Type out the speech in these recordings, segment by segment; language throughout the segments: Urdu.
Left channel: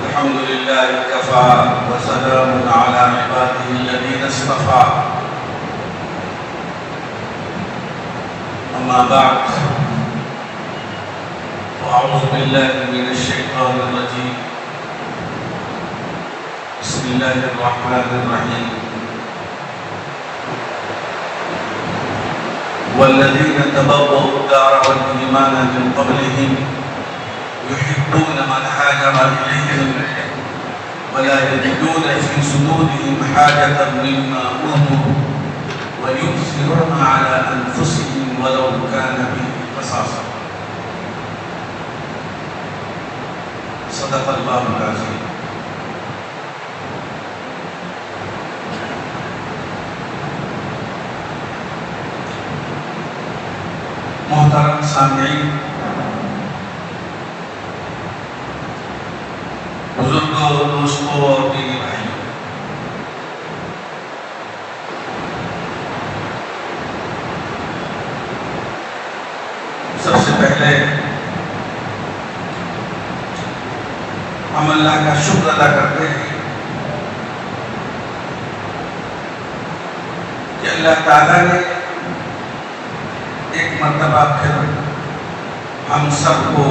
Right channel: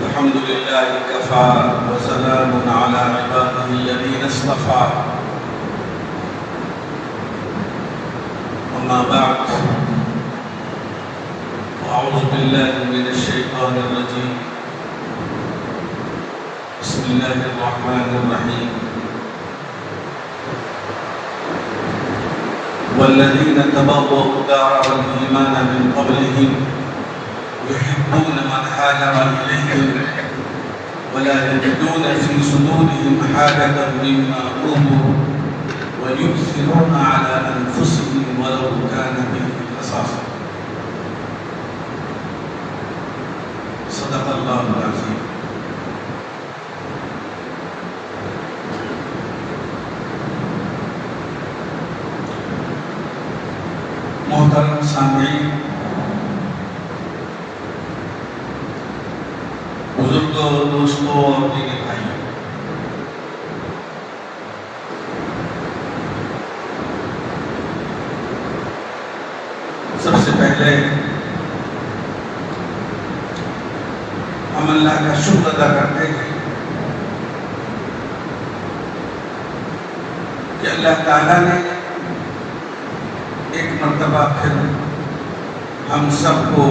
الحمد لله كفى وسلام على عباده الذين اصطفى أما بعد أعوذ بالله من الشيطان الرجيم بسم الله الرحمن الرحيم والذين تبوأوا الدار والإيمان من قبلهم يحبون من هاجر إليهم ولا يجدون في صدورهم حاجة مما أوتوا ويؤثرون على أنفسهم ولو كان بهم خصاصة صدق الله العظيم. محترم سامعین، بزرگوں، دوستوں اور میرے بھائیوں، سب سے پہلے ہم اللہ کا شکر ادا کرتے ہیں کہ اللہ تعالیٰ نے ایک مرتبہ پھر ہم سب کو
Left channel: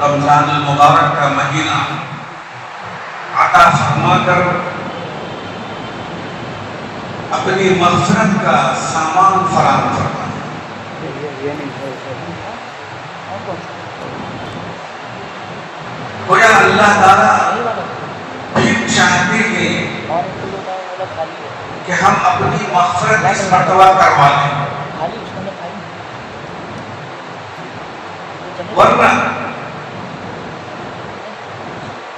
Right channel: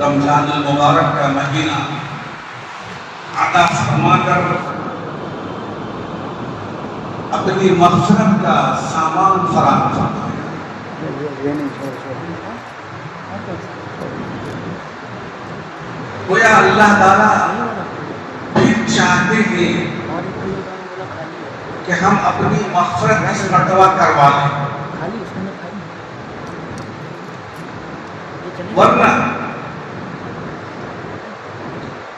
رمضان المبارک کا مہینہ عطا فرما کر اپنی مغفرت کا سامان فراہم فرمایا. گویا اللہ تعالیٰ پھر چاہتے ہیں کہ ہم اپنی مغفرت اس مرتبہ کروا لیں، ورنہ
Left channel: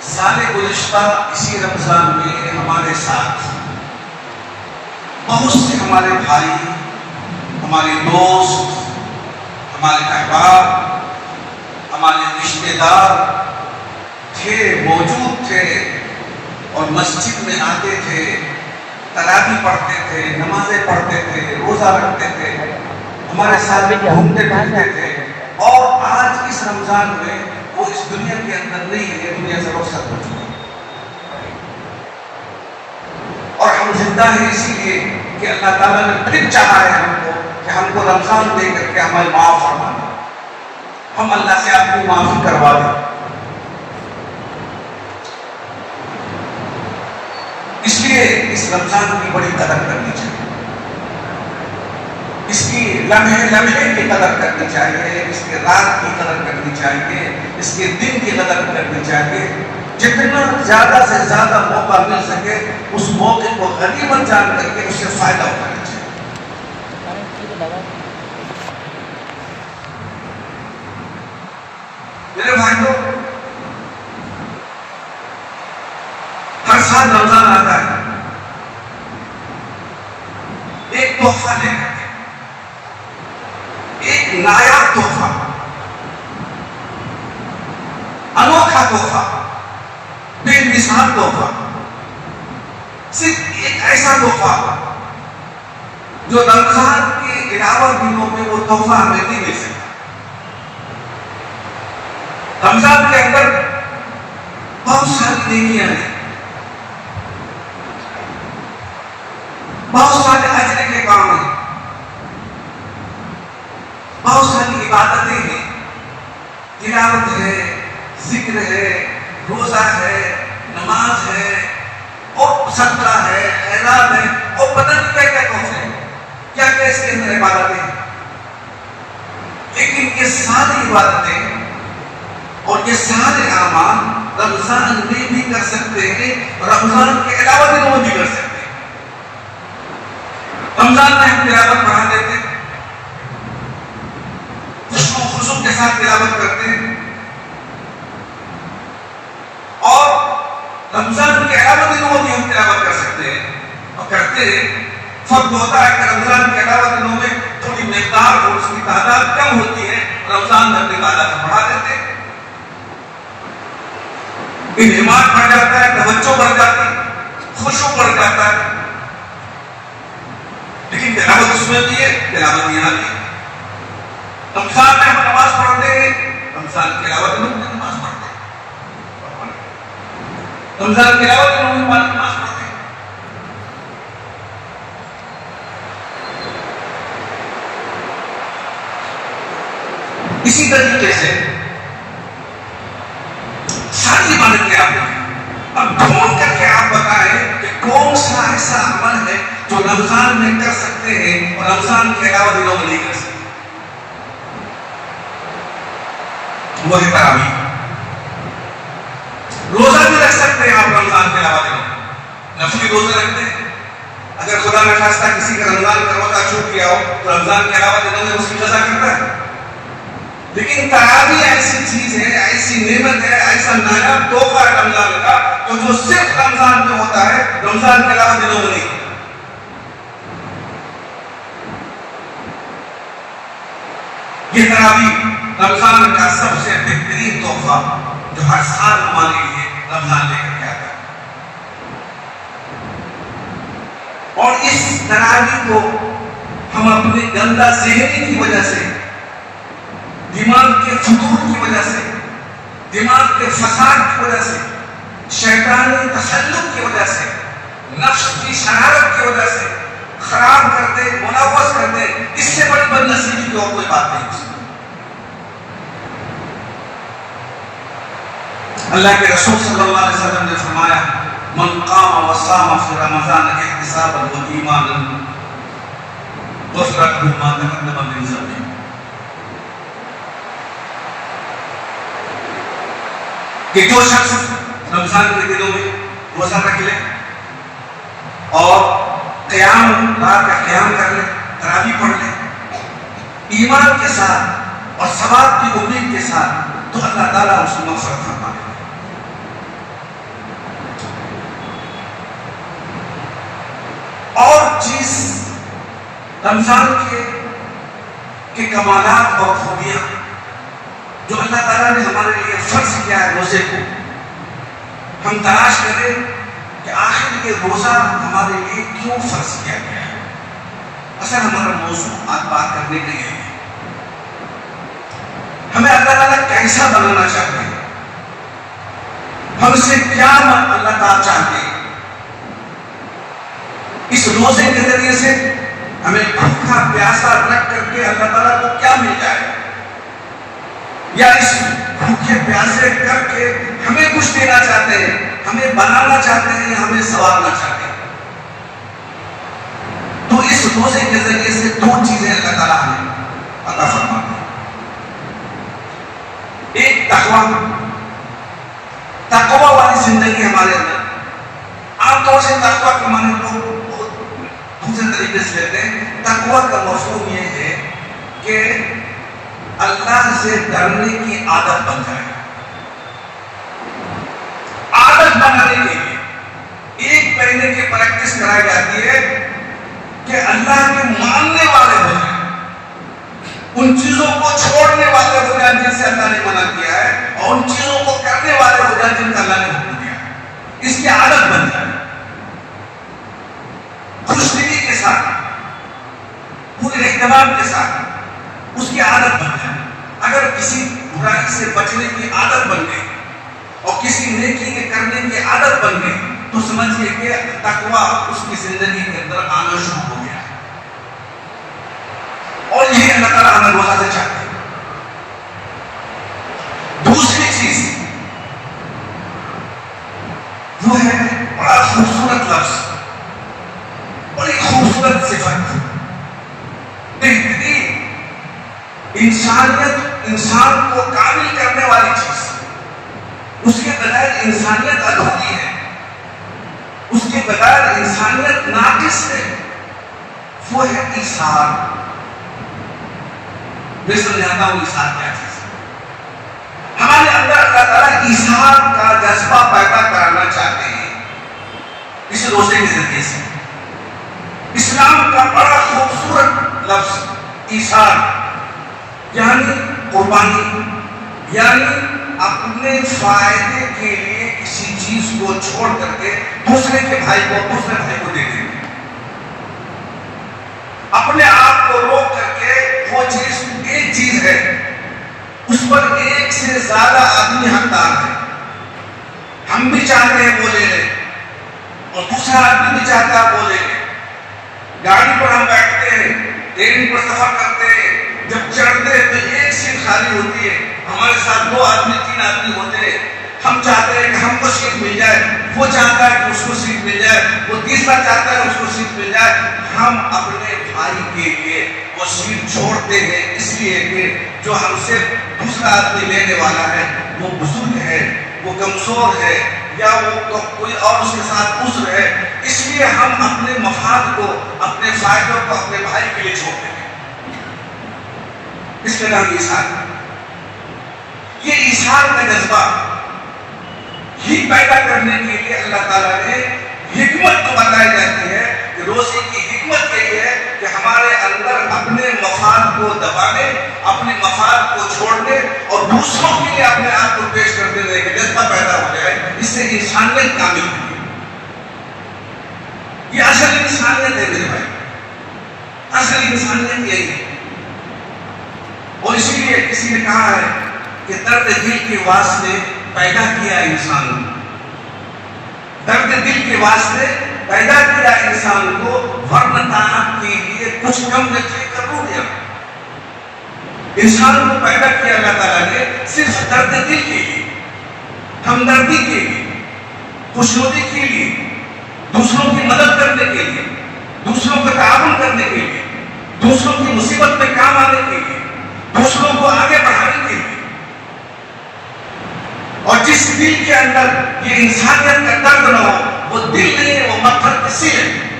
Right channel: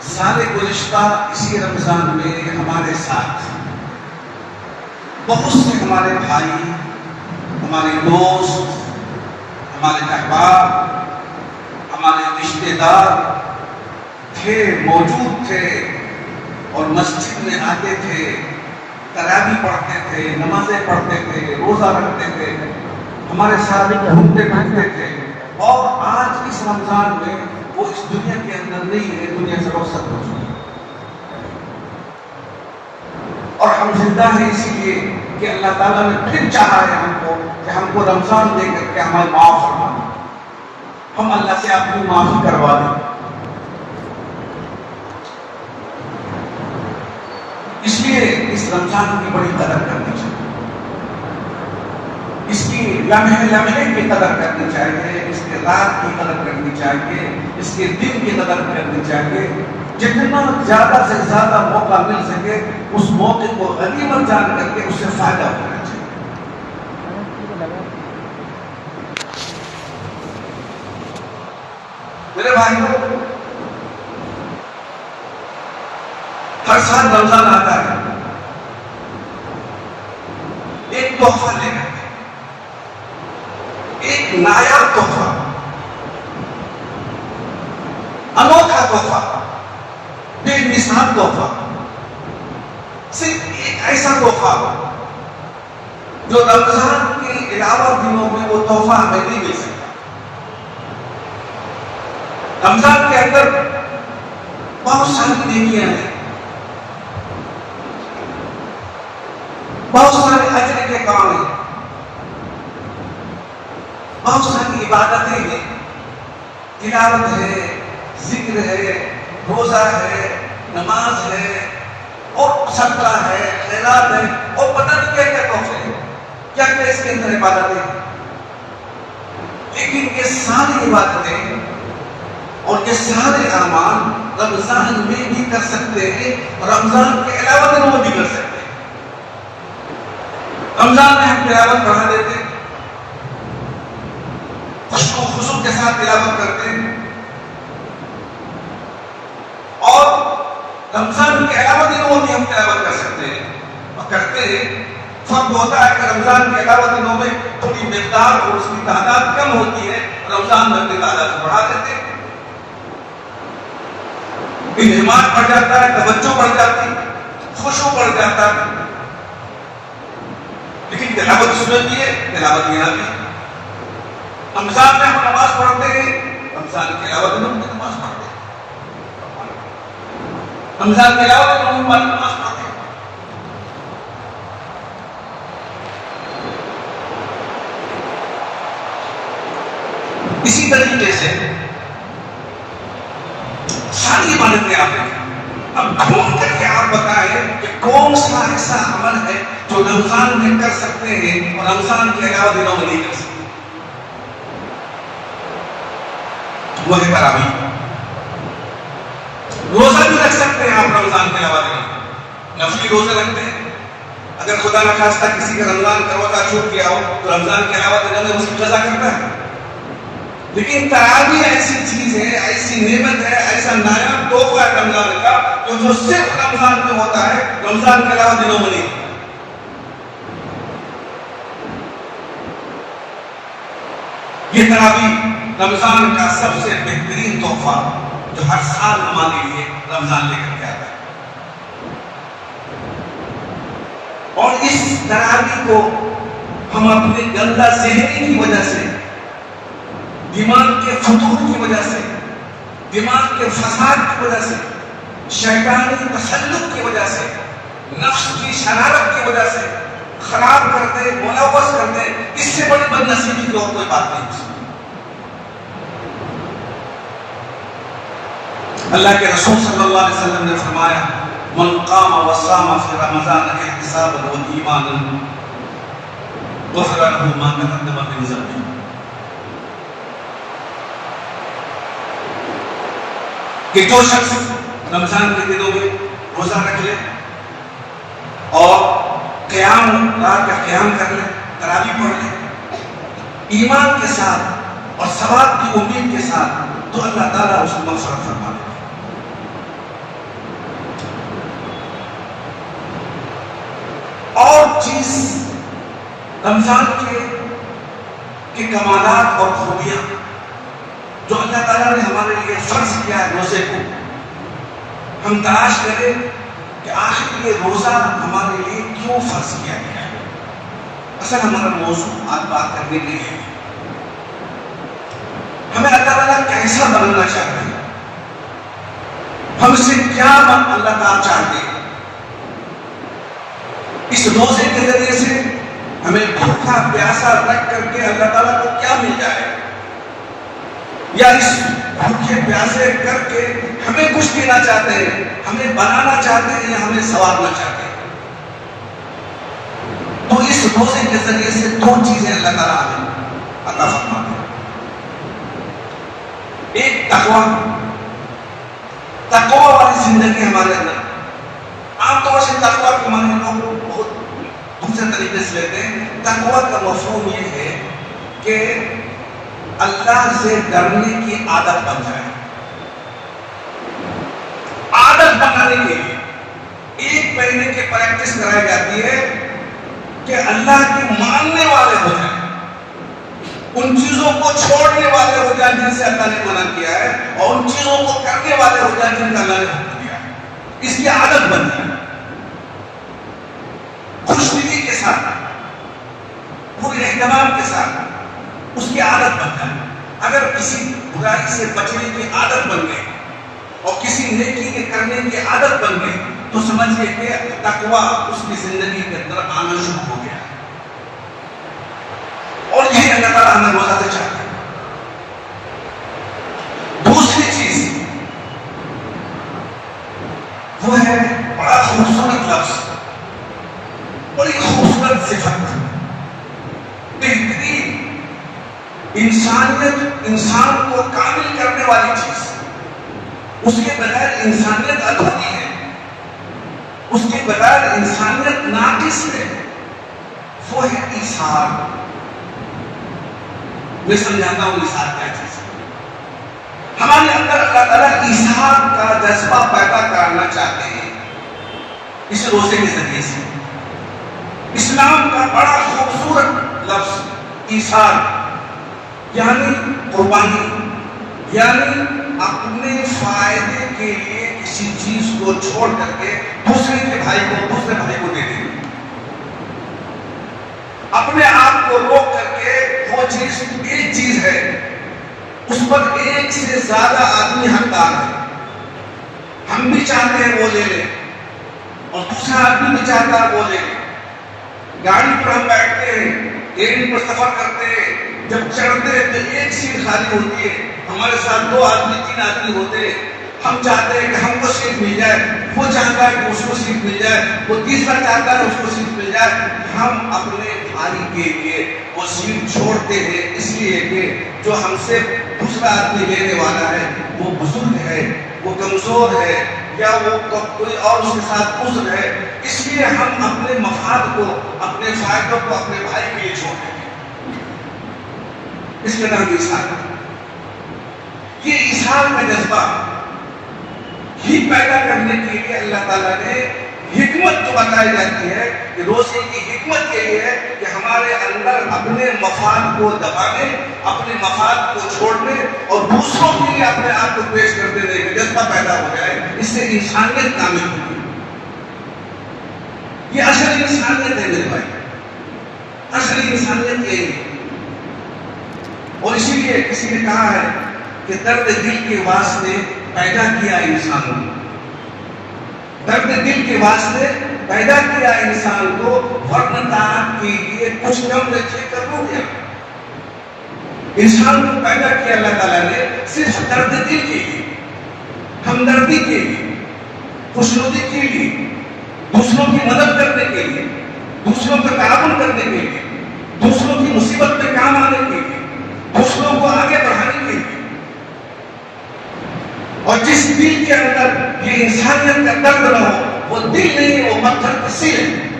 سال گزشتہ اسی رمضان میں ہمارے ساتھ بہت سے ہمارے بھائی، ہمارے دوست، ہمارے احباب، ہمارے رشتے دار تھے، موجود تھے اور مسجد میں آتے تھے، تراویح پڑھتے تھے، نمازیں پڑھتے تھے، روزہ رکھتے تھے، ہمارے ساتھ گھومتے پھرتے تھے، اور آج اس رمضان میں وہ اس دنیا کے اندر نہیں ہے، دنیا سے رخصت ہو چکے ہیں. اور ہم زندہ ہیں اسی لیے کہ اللہ تعالیٰ نے پھر چاہا ہے ہم کو کہ ہم کو رمضان دے کر کے ہمیں معاف فرما دیں، ہم اللہ سے اپنی معافی کروا دیں. اس لیے اس رمضان کی بڑی قدر کرنی چاہیے، اس کی لمحے لمحے کی قدر کرنی چاہیے، اس کے رات کی قدر کرنی چاہیے، اس کے دن کی قدر کرنی چاہیے. جتنا زیادہ سے زیادہ موقع مل سکے اس موقع کو غنیمت جان کر کے اس سے فائدہ اٹھانا چاہیے. میرے بھائیوں، ہر سال رمضان آتا ہے ایک تحفہ لے کر کے، ایک نایاب تحفہ، انوکھا تحفہ، بے مثال تحفہ، صرف ایک ایسا تحفہ جو رمضان کے علاوہ دنوں میں وہ تحفہ ہمیں نہیں مل سکتا. رمضان کے اندر بہت ساری نیکیاں ہیں، بہت سارے اجر کے کام ہیں، بہت ساری عبادتیں ہیں، تلاوت ہے، ذکر ہے، روزہ ہے، نماز ہے، اور صدقہ ہے، خیرات ہے، اور پتہ نہیں کیا کیا تحفے ہیں، کیا کیا اس کے اندر عبادتیں ہیں. لیکن یہ ساری عبادتیں اور یہ سارے اعمال رمضان میں بھی کر سکتے ہیں، رمضان کے علاوہ دنوں میں بھی کر سکتے ہیں. رمضان میں ہم تلاوت پڑھا دیتے ہیں، خشوع کے ساتھ تلاوت کرتے ہیں، اور رمضان کے علاوہ دنوں میں بھی ہم تلاوت کر سکتے ہیں اور کرتے ہیں. فرق ہوتا ہے کہ رمضان کے علاوہ دنوں میں تھوڑی مقدار اور اس کی تعداد کم ہوتی ہے، رمضان میں اپنی تعداد بڑھا دیتے ہیں. انہمام بڑھ جاتا ہے، توجہ بڑھ جاتی ہے، خشوع بڑھ جاتا ہے. لیکن تلاوت اس میں بھی ہے، تلاوت یہاں بھی ہے. رمضان میں ہم نماز پڑھتے ہیں، رمضان کے علاوہ دنوں میں نماز پڑھتے ہیں. رمضان کے علاوہ دنوں میں 5 نماز پڑھتے ہیں. اسی طریقے سے ساری عبادتیں آپ ہیں. اب ڈھونڈ کر کے آپ بتائیں کہ کون سا ایسا عمل ہے جو رمضان میں کر سکتے ہیں اور رمضان کے علاوہ دنوں میں نہیں کر سکتے. وہ ہے تراویح. روزہ بھی رکھ سکتے ہیں آپ رمضان کے علاوہ دنوں میں. نفلی روزے رکھتے ہیں. اگر خدا نہ خواستہ کسی کا رمضان کا روزہ چھوٹ گیا ہو تو رمضان کے علاوہ دنوں میں اس کی قضا کرتا ہے. لیکن تراویح ایسی چیز ہے, ایسی نعمت ہے, ایسا نایاب تحفہ ہے رمضان کا جو صرف رمضان میں ہوتا ہے, رمضان کے علاوہ دنوں میں نہیں. یہ تراویح رمضان کا سب سے بہترین تحفہ جو ہر سال ہمارے لیے رمضان لے کر کے آتا ہے. اور اس تراویح کو ہم اپنے گندا ذہن کی وجہ سے, دماغ کے فتور کی وجہ سے, دماغ کے فساد کی وجہ سے, شیطانی تسلط کی وجہ سے, نفس کی شرارت کی وجہ سے خراب کرتے, ملوث کرتے. اس سے بڑی بد نصیبی کی اور کوئی بات نہیں ہو سکتی. اللہ کے رسول صلی اللہ علیہ وسلم نے فرمایا من قام وصام فی رمضان احتسابا وایمانا غفر له ما تقدم من ذنبه. کہ جو شخص رمضان کے دنوں میں روزہ رکھ لے اور قیام, رات کا قیام کر لے, تراویح پڑھ لے ایمان کے ساتھ اور ثواب کی امید کے ساتھ, تو اللہ تعالیٰ اس کو مغفرت فرما دے. اور چیز رمضان کے کمالات اور خوبیاں جو اللہ تعالیٰ نے ہمارے لیے فرض کیا ہے روزے کو, ہم تلاش کریں کہ آخر یہ روزہ ہمارے لیے کیوں فرض کیا گیا ہے. اصل ہمارا موضوع آج بات کرنے کے لیے ہمیں اللہ تعالیٰ کیسا بنانا چاہتے ہیں, ہم سے کیا اللہ تعالیٰ چاہتے ہیں. اس روزے کے ذریعے سے ہمیں بھوکا پیاسا رکھ کر کے اللہ تعالیٰ کو کیا مل جائے, یا اس بھوکے پیاسے کر کے ہمیں کچھ دینا چاہتے ہیں, ہمیں بنانا چاہتے ہیں یا ہمیں سنوارنا چاہتے ہیں. تو اس روزے کے ذریعے سے 2 چیزیں اللہ تعالیٰ ہمیں عطا فرماتے ہیں. ایک تقوی والی زندگی ہمارے اندر. عام طور سے تقوی کے معنی لوگ بہت دوسرے طریقے سے لیتے ہیں. تقوی کا مفہوم یہ ہے کہ اللہ سے ڈرنے کی عادت بن جائے. عادت بنانے کے لیے 1 مہینے کی پریکٹس کرائی جاتی ہے کہ اللہ کے ماننے والے ہو جائیں, ان چیزوں کو چھوڑنے والے ہو جائیں جن سے اللہ نے منع کیا ہے, اور ان چیزوں کو کرنے والے ہو جائیں جن کا اللہ نے حکم دیا ہے. اس کی عادت بن جائے, خوش دلی کے ساتھ, پورے اہتمام کے ساتھ اس کی عادت بن جائے. اگر کسی برائی سے بچنے کی عادت بن گئی اور کسی نیکی کے کرنے کی عادت بن گئی تو سمجھئے کہ تقوی اس کی زندگی کے اندر آنا شروع ہو گیا. اور یہی اللہ تعالیٰ ہمیں روزہ سے چاہتے ہیں. دوسری چیز وہ ہے بڑا خوبصورت لفظ, بڑی خوبصورت صفت, بہترین انسان کو کامل کرنے والی چیز. اس کے بغیر انسانیت ادھوری ہے, اس کے بغیر انسانیت ناقص ہے. وہ ہے ایثار. میں سمجھاتا ہوں ایثار کیا چیز ہے. ہمارے اندر اللہ تعالیٰ ایثار کا جذبہ پیدا کرنا چاہتے ہیں اس روزے کے ذریعے سے. اسلام کا بڑا خوبصورت لفظ ایثار یعنی قربانی, یعنی اپنے فائدے کے لیے کسی چیز کو چھوڑ کر کے دوسرے بھائی کو دے دیں, اپنے آپ کو روک کر کے وہ چیز ایک چیز ہے اس پر ایک سے زیادہ آدمی حقدار ہے. ہم بھی چاہتے ہیں وہ لے لیں اور دوسرا آدمی بھی چاہتا ہے وہ لے لیں. گاڑی پر ہم بیٹھتے ہیں, ٹرین پر سفر کرتے ہیں, جب چڑھتے ہیں تو ایک سیٹ خالی ہوتی ہے, ہمارے ساتھ 2 آدمی 3 آدمی ہوتے ہیں. ہم چاہتے ہیں کہ ہم کو سیٹ مل جائے, وہ چاہتا ہے کہ اس کو سیٹ مل جائے, وہ تیسرا چاہتا ہے اس کو سیٹ مل جائے. ہم اپنے بھائی کے لیے وہ سیٹ چھوڑتے ہیں اس لیے کہ جو ہم سے دوسرا آدمی لینے والا ہے وہ بزرگ ہے, وہ کمزور ہے, یا وہ کوئی اور اس کے ساتھ عذر ہے, اس لیے ہم اپنے مفاد کو, اپنے فائدوں کو اپنے بھائی کے لیے چھوڑتے ہیں. اس کے نام ایثار. یہ ایثار کا جذبہ ہی پیدا کرنے کے لیے اللہ تعالیٰ نے حکمت تو بتائی جاتی ہے کہ روزے کی حکمت یہی ہے کہ ہمارے اندر اپنے مفاد کو دبانے, اپنے مفاد کو چھوڑنے اور دوسروں کے لیے اپنے آپ کو پیش کرتے رہے کہ جذبہ پیدا ہو جائے. اس سے انسانیت کامل ہوگی. یہ اصل انسانیت ہے میرے بھائی, اصل انسانیت یہی ہے. اور اسی لیے کسی نے کہا ہے کہ درد دل کے واسطے پیدا کیا انسان کو, درد دل کے واسطے پیدا کیا انسان کو, ورنہ کے لیے کچھ کم رکھے کر رو دیا. انسان کو پیدا کیا اللہ تعالیٰ نے صرف درد دل کے لیے, ہمدردی کے لیے, خوشنودی کے لیے, دوسروں کی مدد کرنے کے لیے, دوسروں کا تعاون کرنے کے لیے, دوسروں کی مصیبت میں کام آنے کے لیے, دوسروں کو آگے بڑھانے کے لیے. اور جس دل کے اندر یہ انسانیت کا درد نہ ہو وہ دل نہیں ہے, وہ پتھر کی سیل ہے.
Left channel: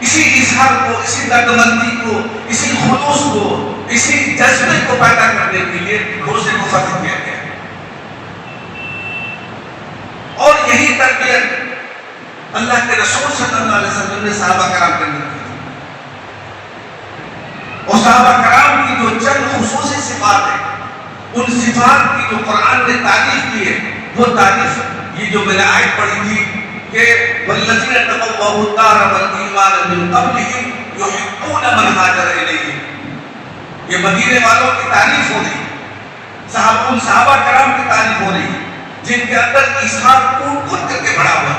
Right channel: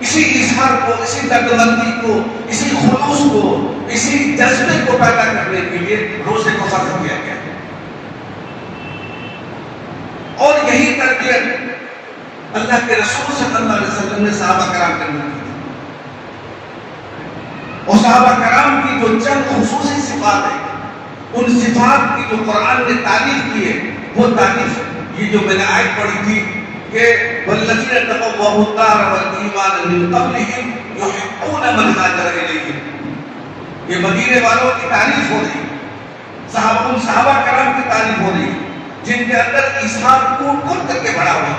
اسی اظہار کو, اسی درد مندی کو, اسی خلوص کو, اسی جذبے کو پیدا کرنے کے لیے روزے کو فرض کیا گیا. اور یہی تربیت اللہ کے رسول صلی اللہ علیہ وسلم نے صحابہ کرام کو دی. اور صحابہ کرام کی جو چند خصوصی صفات ہیں, ان صفات کی جو قرآن نے تعریف کی ہے, وہ تعریف یہ جو میں نے آیت پڑھی تھی کہ والذین تبوؤا الدار والایمان من قبلہم یحبون من ہاجر الیہم, یہ مدینے والوں کی تعریف ہو رہی, ان صحابہ کرام کی تعریف ہو رہی جن کے اندر ایثار کھود کھود کر کے بڑھا ہوا,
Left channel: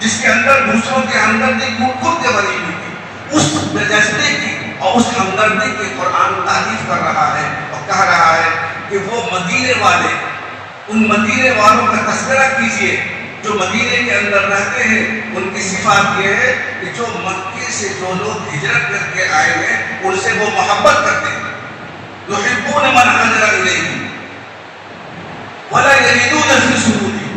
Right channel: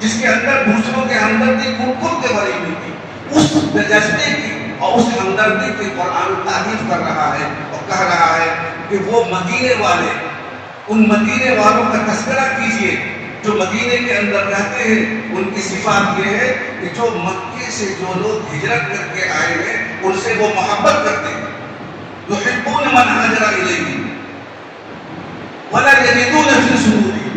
جس کے اندر دوسروں کے ہمدردی کھود کھود کے بڑھی ہوئی تھی. اس جذبے کی اور اس ہمدردی کی قرآن تعریف کر رہا ہے اور کہہ رہا ہے کہ وہ مدینے والے, ان مدینے والوں کا تذکرہ کیجئے جو مدینے کے اندر رہتے ہیں. ان کی صفات یہ ہے کہ جو مکے سے جو لوگ ہجرت کر کے آئے ہیں ان سے وہ محبت کرتے ہیں. یحبون من ہاجر الیہم ولا یجدون فی صدورہم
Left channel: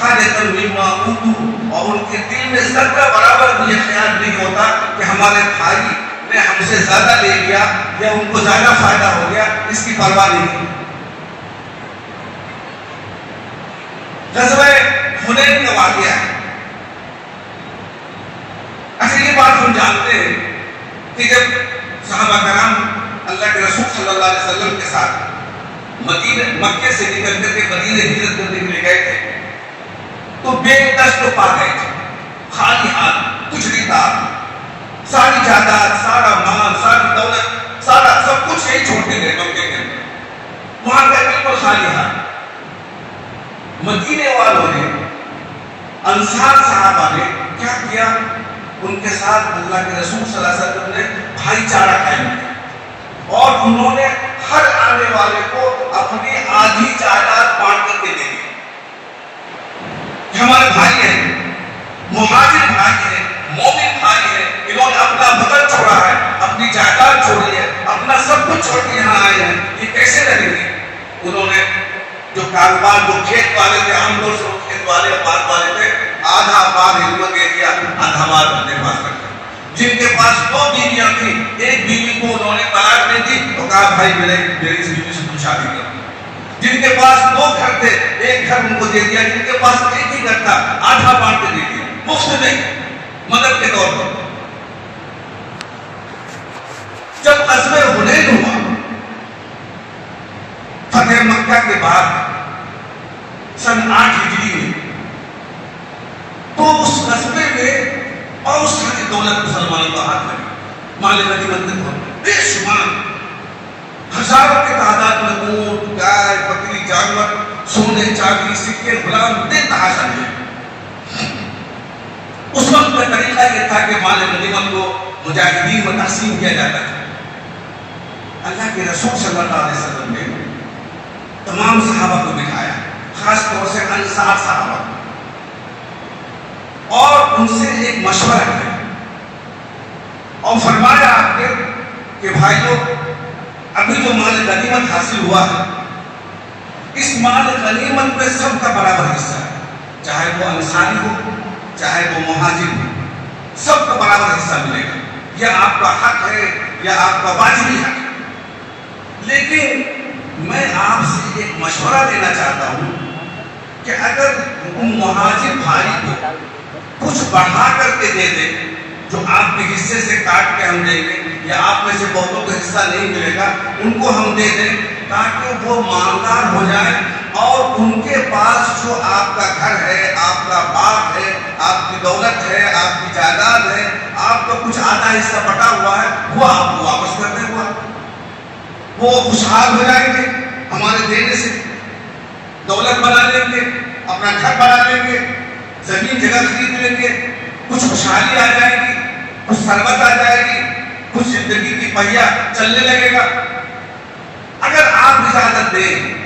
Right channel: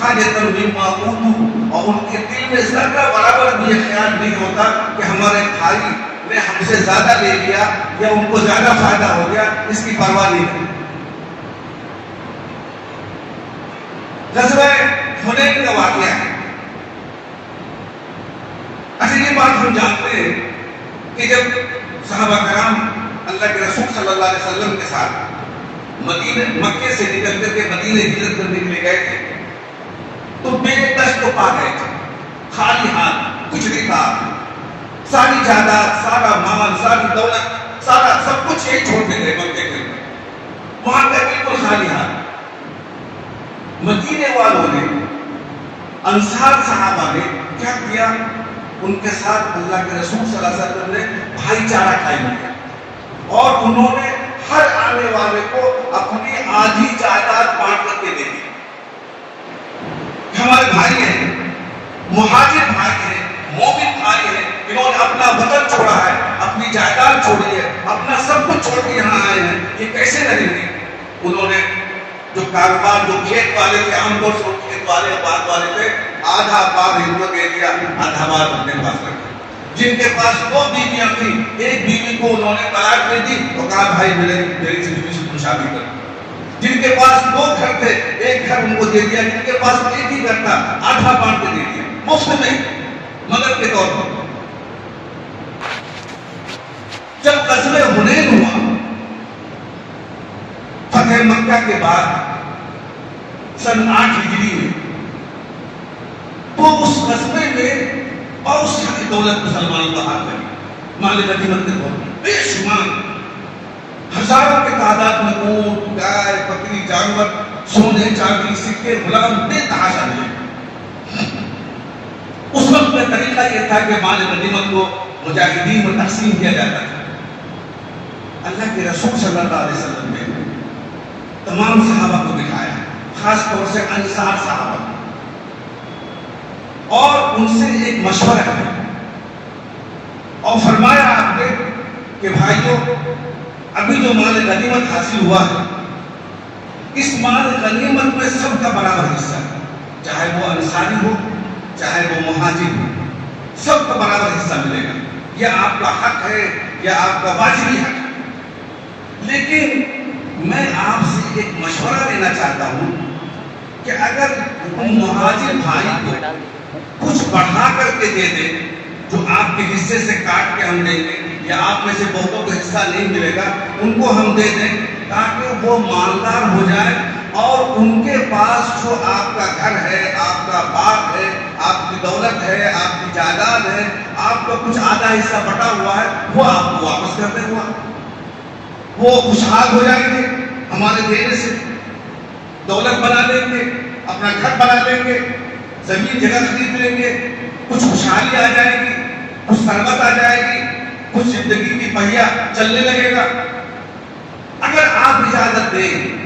حاجۃ مما اوتوا, اور ان کے دل میں ذرہ برابر بھی یہ خیال نہیں ہوتا کہ ہمارے بھائی نے ہم سے زیادہ لے لیا یا ان کو زیادہ فائدہ ہو گیا, اس کی پرواہ نہیں ہوتی. غزوہ حنین کا واقعہ ہے. اچھا یہ بات ہم جانتے ہیں کہ جب صحابہ کرام اللہ کے رسول صلی اللہ علیہ وسلم کے ساتھ مکے سے نکل کر کے مدینے ہجرت کرنے کے لیے گئے تھے تو بے دست و پا گئے تھے, خالی ہاتھ, کچھ نہیں تھا. ساری جائیداد, سارا مال, ساری دولت, سارا سب کچھ یہی چھوڑ کے گئے مکے کے اندر. وہاں کا بالکل خالی ہاتھ. مدینے والوں نے, انصار صحابہ نے کیا کیا, ان کے ساتھ اللہ کے رسول صلی اللہ علیہ وسلم نے بھائی چارہ قائم کیا اور انہوں نے ہر آنے والے کو اپنی آدھی جائیداد بانٹ کر کے دے دی. ہمارے بھائی ہیں, مہاجر بھائی ہیں, مومن بھائی ہیں, انہوں نے اپنا وطن چھوڑا ہے, اپنی جائیداد چھوڑی ہے, اپنا سب کچھ چھوڑ کے یہاں آئے ہیں, یہ کیسے رہیں گے. انہوں نے جو کاروبار, جو کھیت والے تھے, عام طور سے کھیت والے باغ والے تھے, آدھا باغ ان کو دے دیا, آدھا باغ اپنے پاس رکھ دیا. جن کے پاس 2 بیویاں تھیں, ایک بیوی کو انہوں نے طلاق دے دی اور کہا بھائی میری اس بیوی سے تم شادی کر. جن کے پاس 2 گھر تھے, ایک گھر ان کو دے دیا, جن کے پاس ایک ہی گھر تھا آدھا بانٹ کے دے دیا, مفت میں مدد کے طور پر. جب غزوہ حنین ہوا فتح مکہ کے بعد سن 8 ہجری میں, تو اس غزوے میں بہت ساری دولت مسلمانوں کا ہاتھ لگی. مال غنیمت کے طور پر بے شمار ہزاروں کی تعداد میں اونٹ, گائے, بکری, جانور سونے چاندی سکے غلام بے تحاشا ملے. اس وقت کا طریقہ یہ تھا کہ مال غنیمت کو مجاہدین میں تقسیم کیا جاتا تھا. اللہ کے رسول صلی اللہ علیہ وسلم نے تمام صحابہ کو دکھایا، خاص طور سے انصار صحابہ، اور ان سے ایک مشورہ کیا اور فرمایا آپ نے کہ بھائیو، ابھی جو مال غنیمت حاصل ہوا ہے، اس مال غنیمت میں سب کا برابر حصہ ہے، چاہے وہ انصاری ہو چاہے وہ مہاجر ہو، سب کو برابر حصہ ملے گا. یہ آپ کا حق ہے، یہ آپ کا واجبی حق ہے. لیکن میں آپ سے ایک مشورہ دینا چاہتا ہوں کہ اگر مہاجر بھائی کو کچھ بڑھا کر کے دے دیں، جو آپ کے حصے سے کاٹ کے ہم دیں گے، یا آپ میں سے بہتوں کو حصہ نہیں ملے گا، ان کو ہم دے دیں تاکہ وہ مالدار ہو جائے اور ان کے پاس جو آپ کا گھر ہے، آپ کا باغ ہے، آپ کی دولت ہے، آپ کی جائیداد ہے، آپ کا کچھ آدھا حصہ بٹا ہوا ہے، وہ آپ کو واپس کر دیں. وہ خوشحال ہو جائیں گے ہمارے دینے سے، دولت بنا لیں گے، اپنا گھر بنا لیں گے، زمین جگہ خرید لیں گے، کچھ خوشحالی آ جائے گی، کچھ ثروت آ جائے گی، کچھ زندگی کی پہیا چلنے لگے گا. اگر آپ اجازت دیں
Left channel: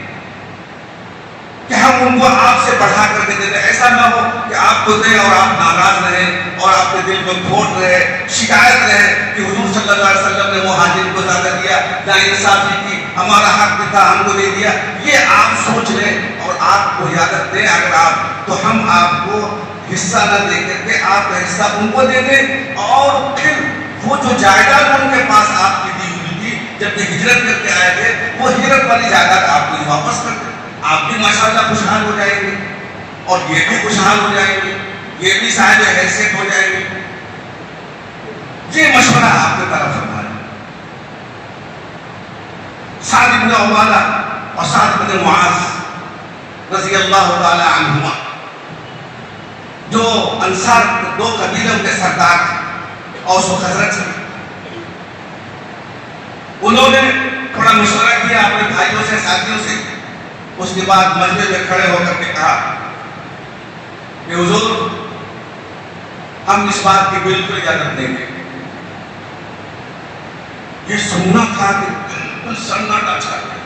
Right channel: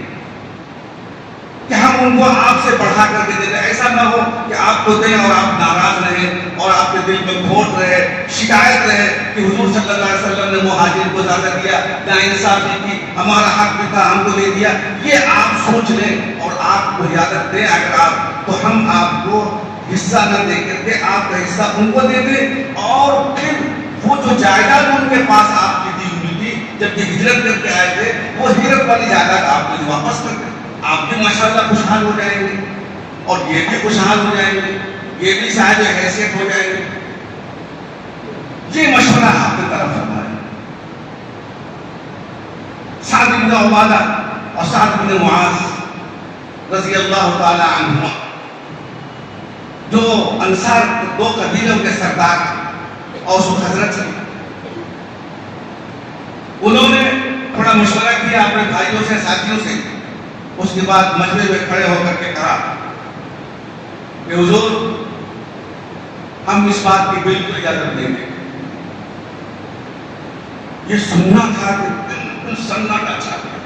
کہ ہم ان کو آپ سے بڑھا کر کے دیتے، ایسا نہ ہو کہ آپ کو دیں اور آپ ناراض رہیں اور آپ کے دل میں کھوٹ رہے، شکایت رہے کہ حضور صلی اللہ علیہ وسلم نے مہاجر کو زیادہ دیا، نہ انصافی کی، ہمارا حق بھی تھا ہم کو دے دیا. یہ آپ سوچ لیں اور آپ کو اجازت دیں اگر آپ، تو ہم آپ کو حصہ نہ دے کر کے آپ کا حصہ ان کو دے دیں، اور پھر وہ جو جائیداد ان کے پاس آپ کی دی ہوئی تھی جب یہ ہجرت کر کے آئے تھے، وہ ہجرت والی جائیداد آپ کو واپس کر دیں. آپ بھی ماشاءاللہ خوشحال ہو جائیں گے اور یہ بھی خوشحال ہو جائیں گے، یہ بھی صاحب حیثیت ہو جائیں گے. یہ مشورہ آپ کی طرف فرمائے. سعد بن عبادہ اور سعد بن معاذ رضی اللہ تعالی عنہما، جو انصار دو قبیلوں کے سردار تھے، اوس و خزرج کے، انہوں نے تھوڑا مشورہ کیا اپنے بھائیوں سے، ساتھیوں سے. اس کے بعد مجمع میں کھڑے ہو کر کے کہا کہ حضور، ہم اس بات کی بالکل اجازت دیں گے. یہ سننا تھا کہ بالکل سناٹا چھا گیا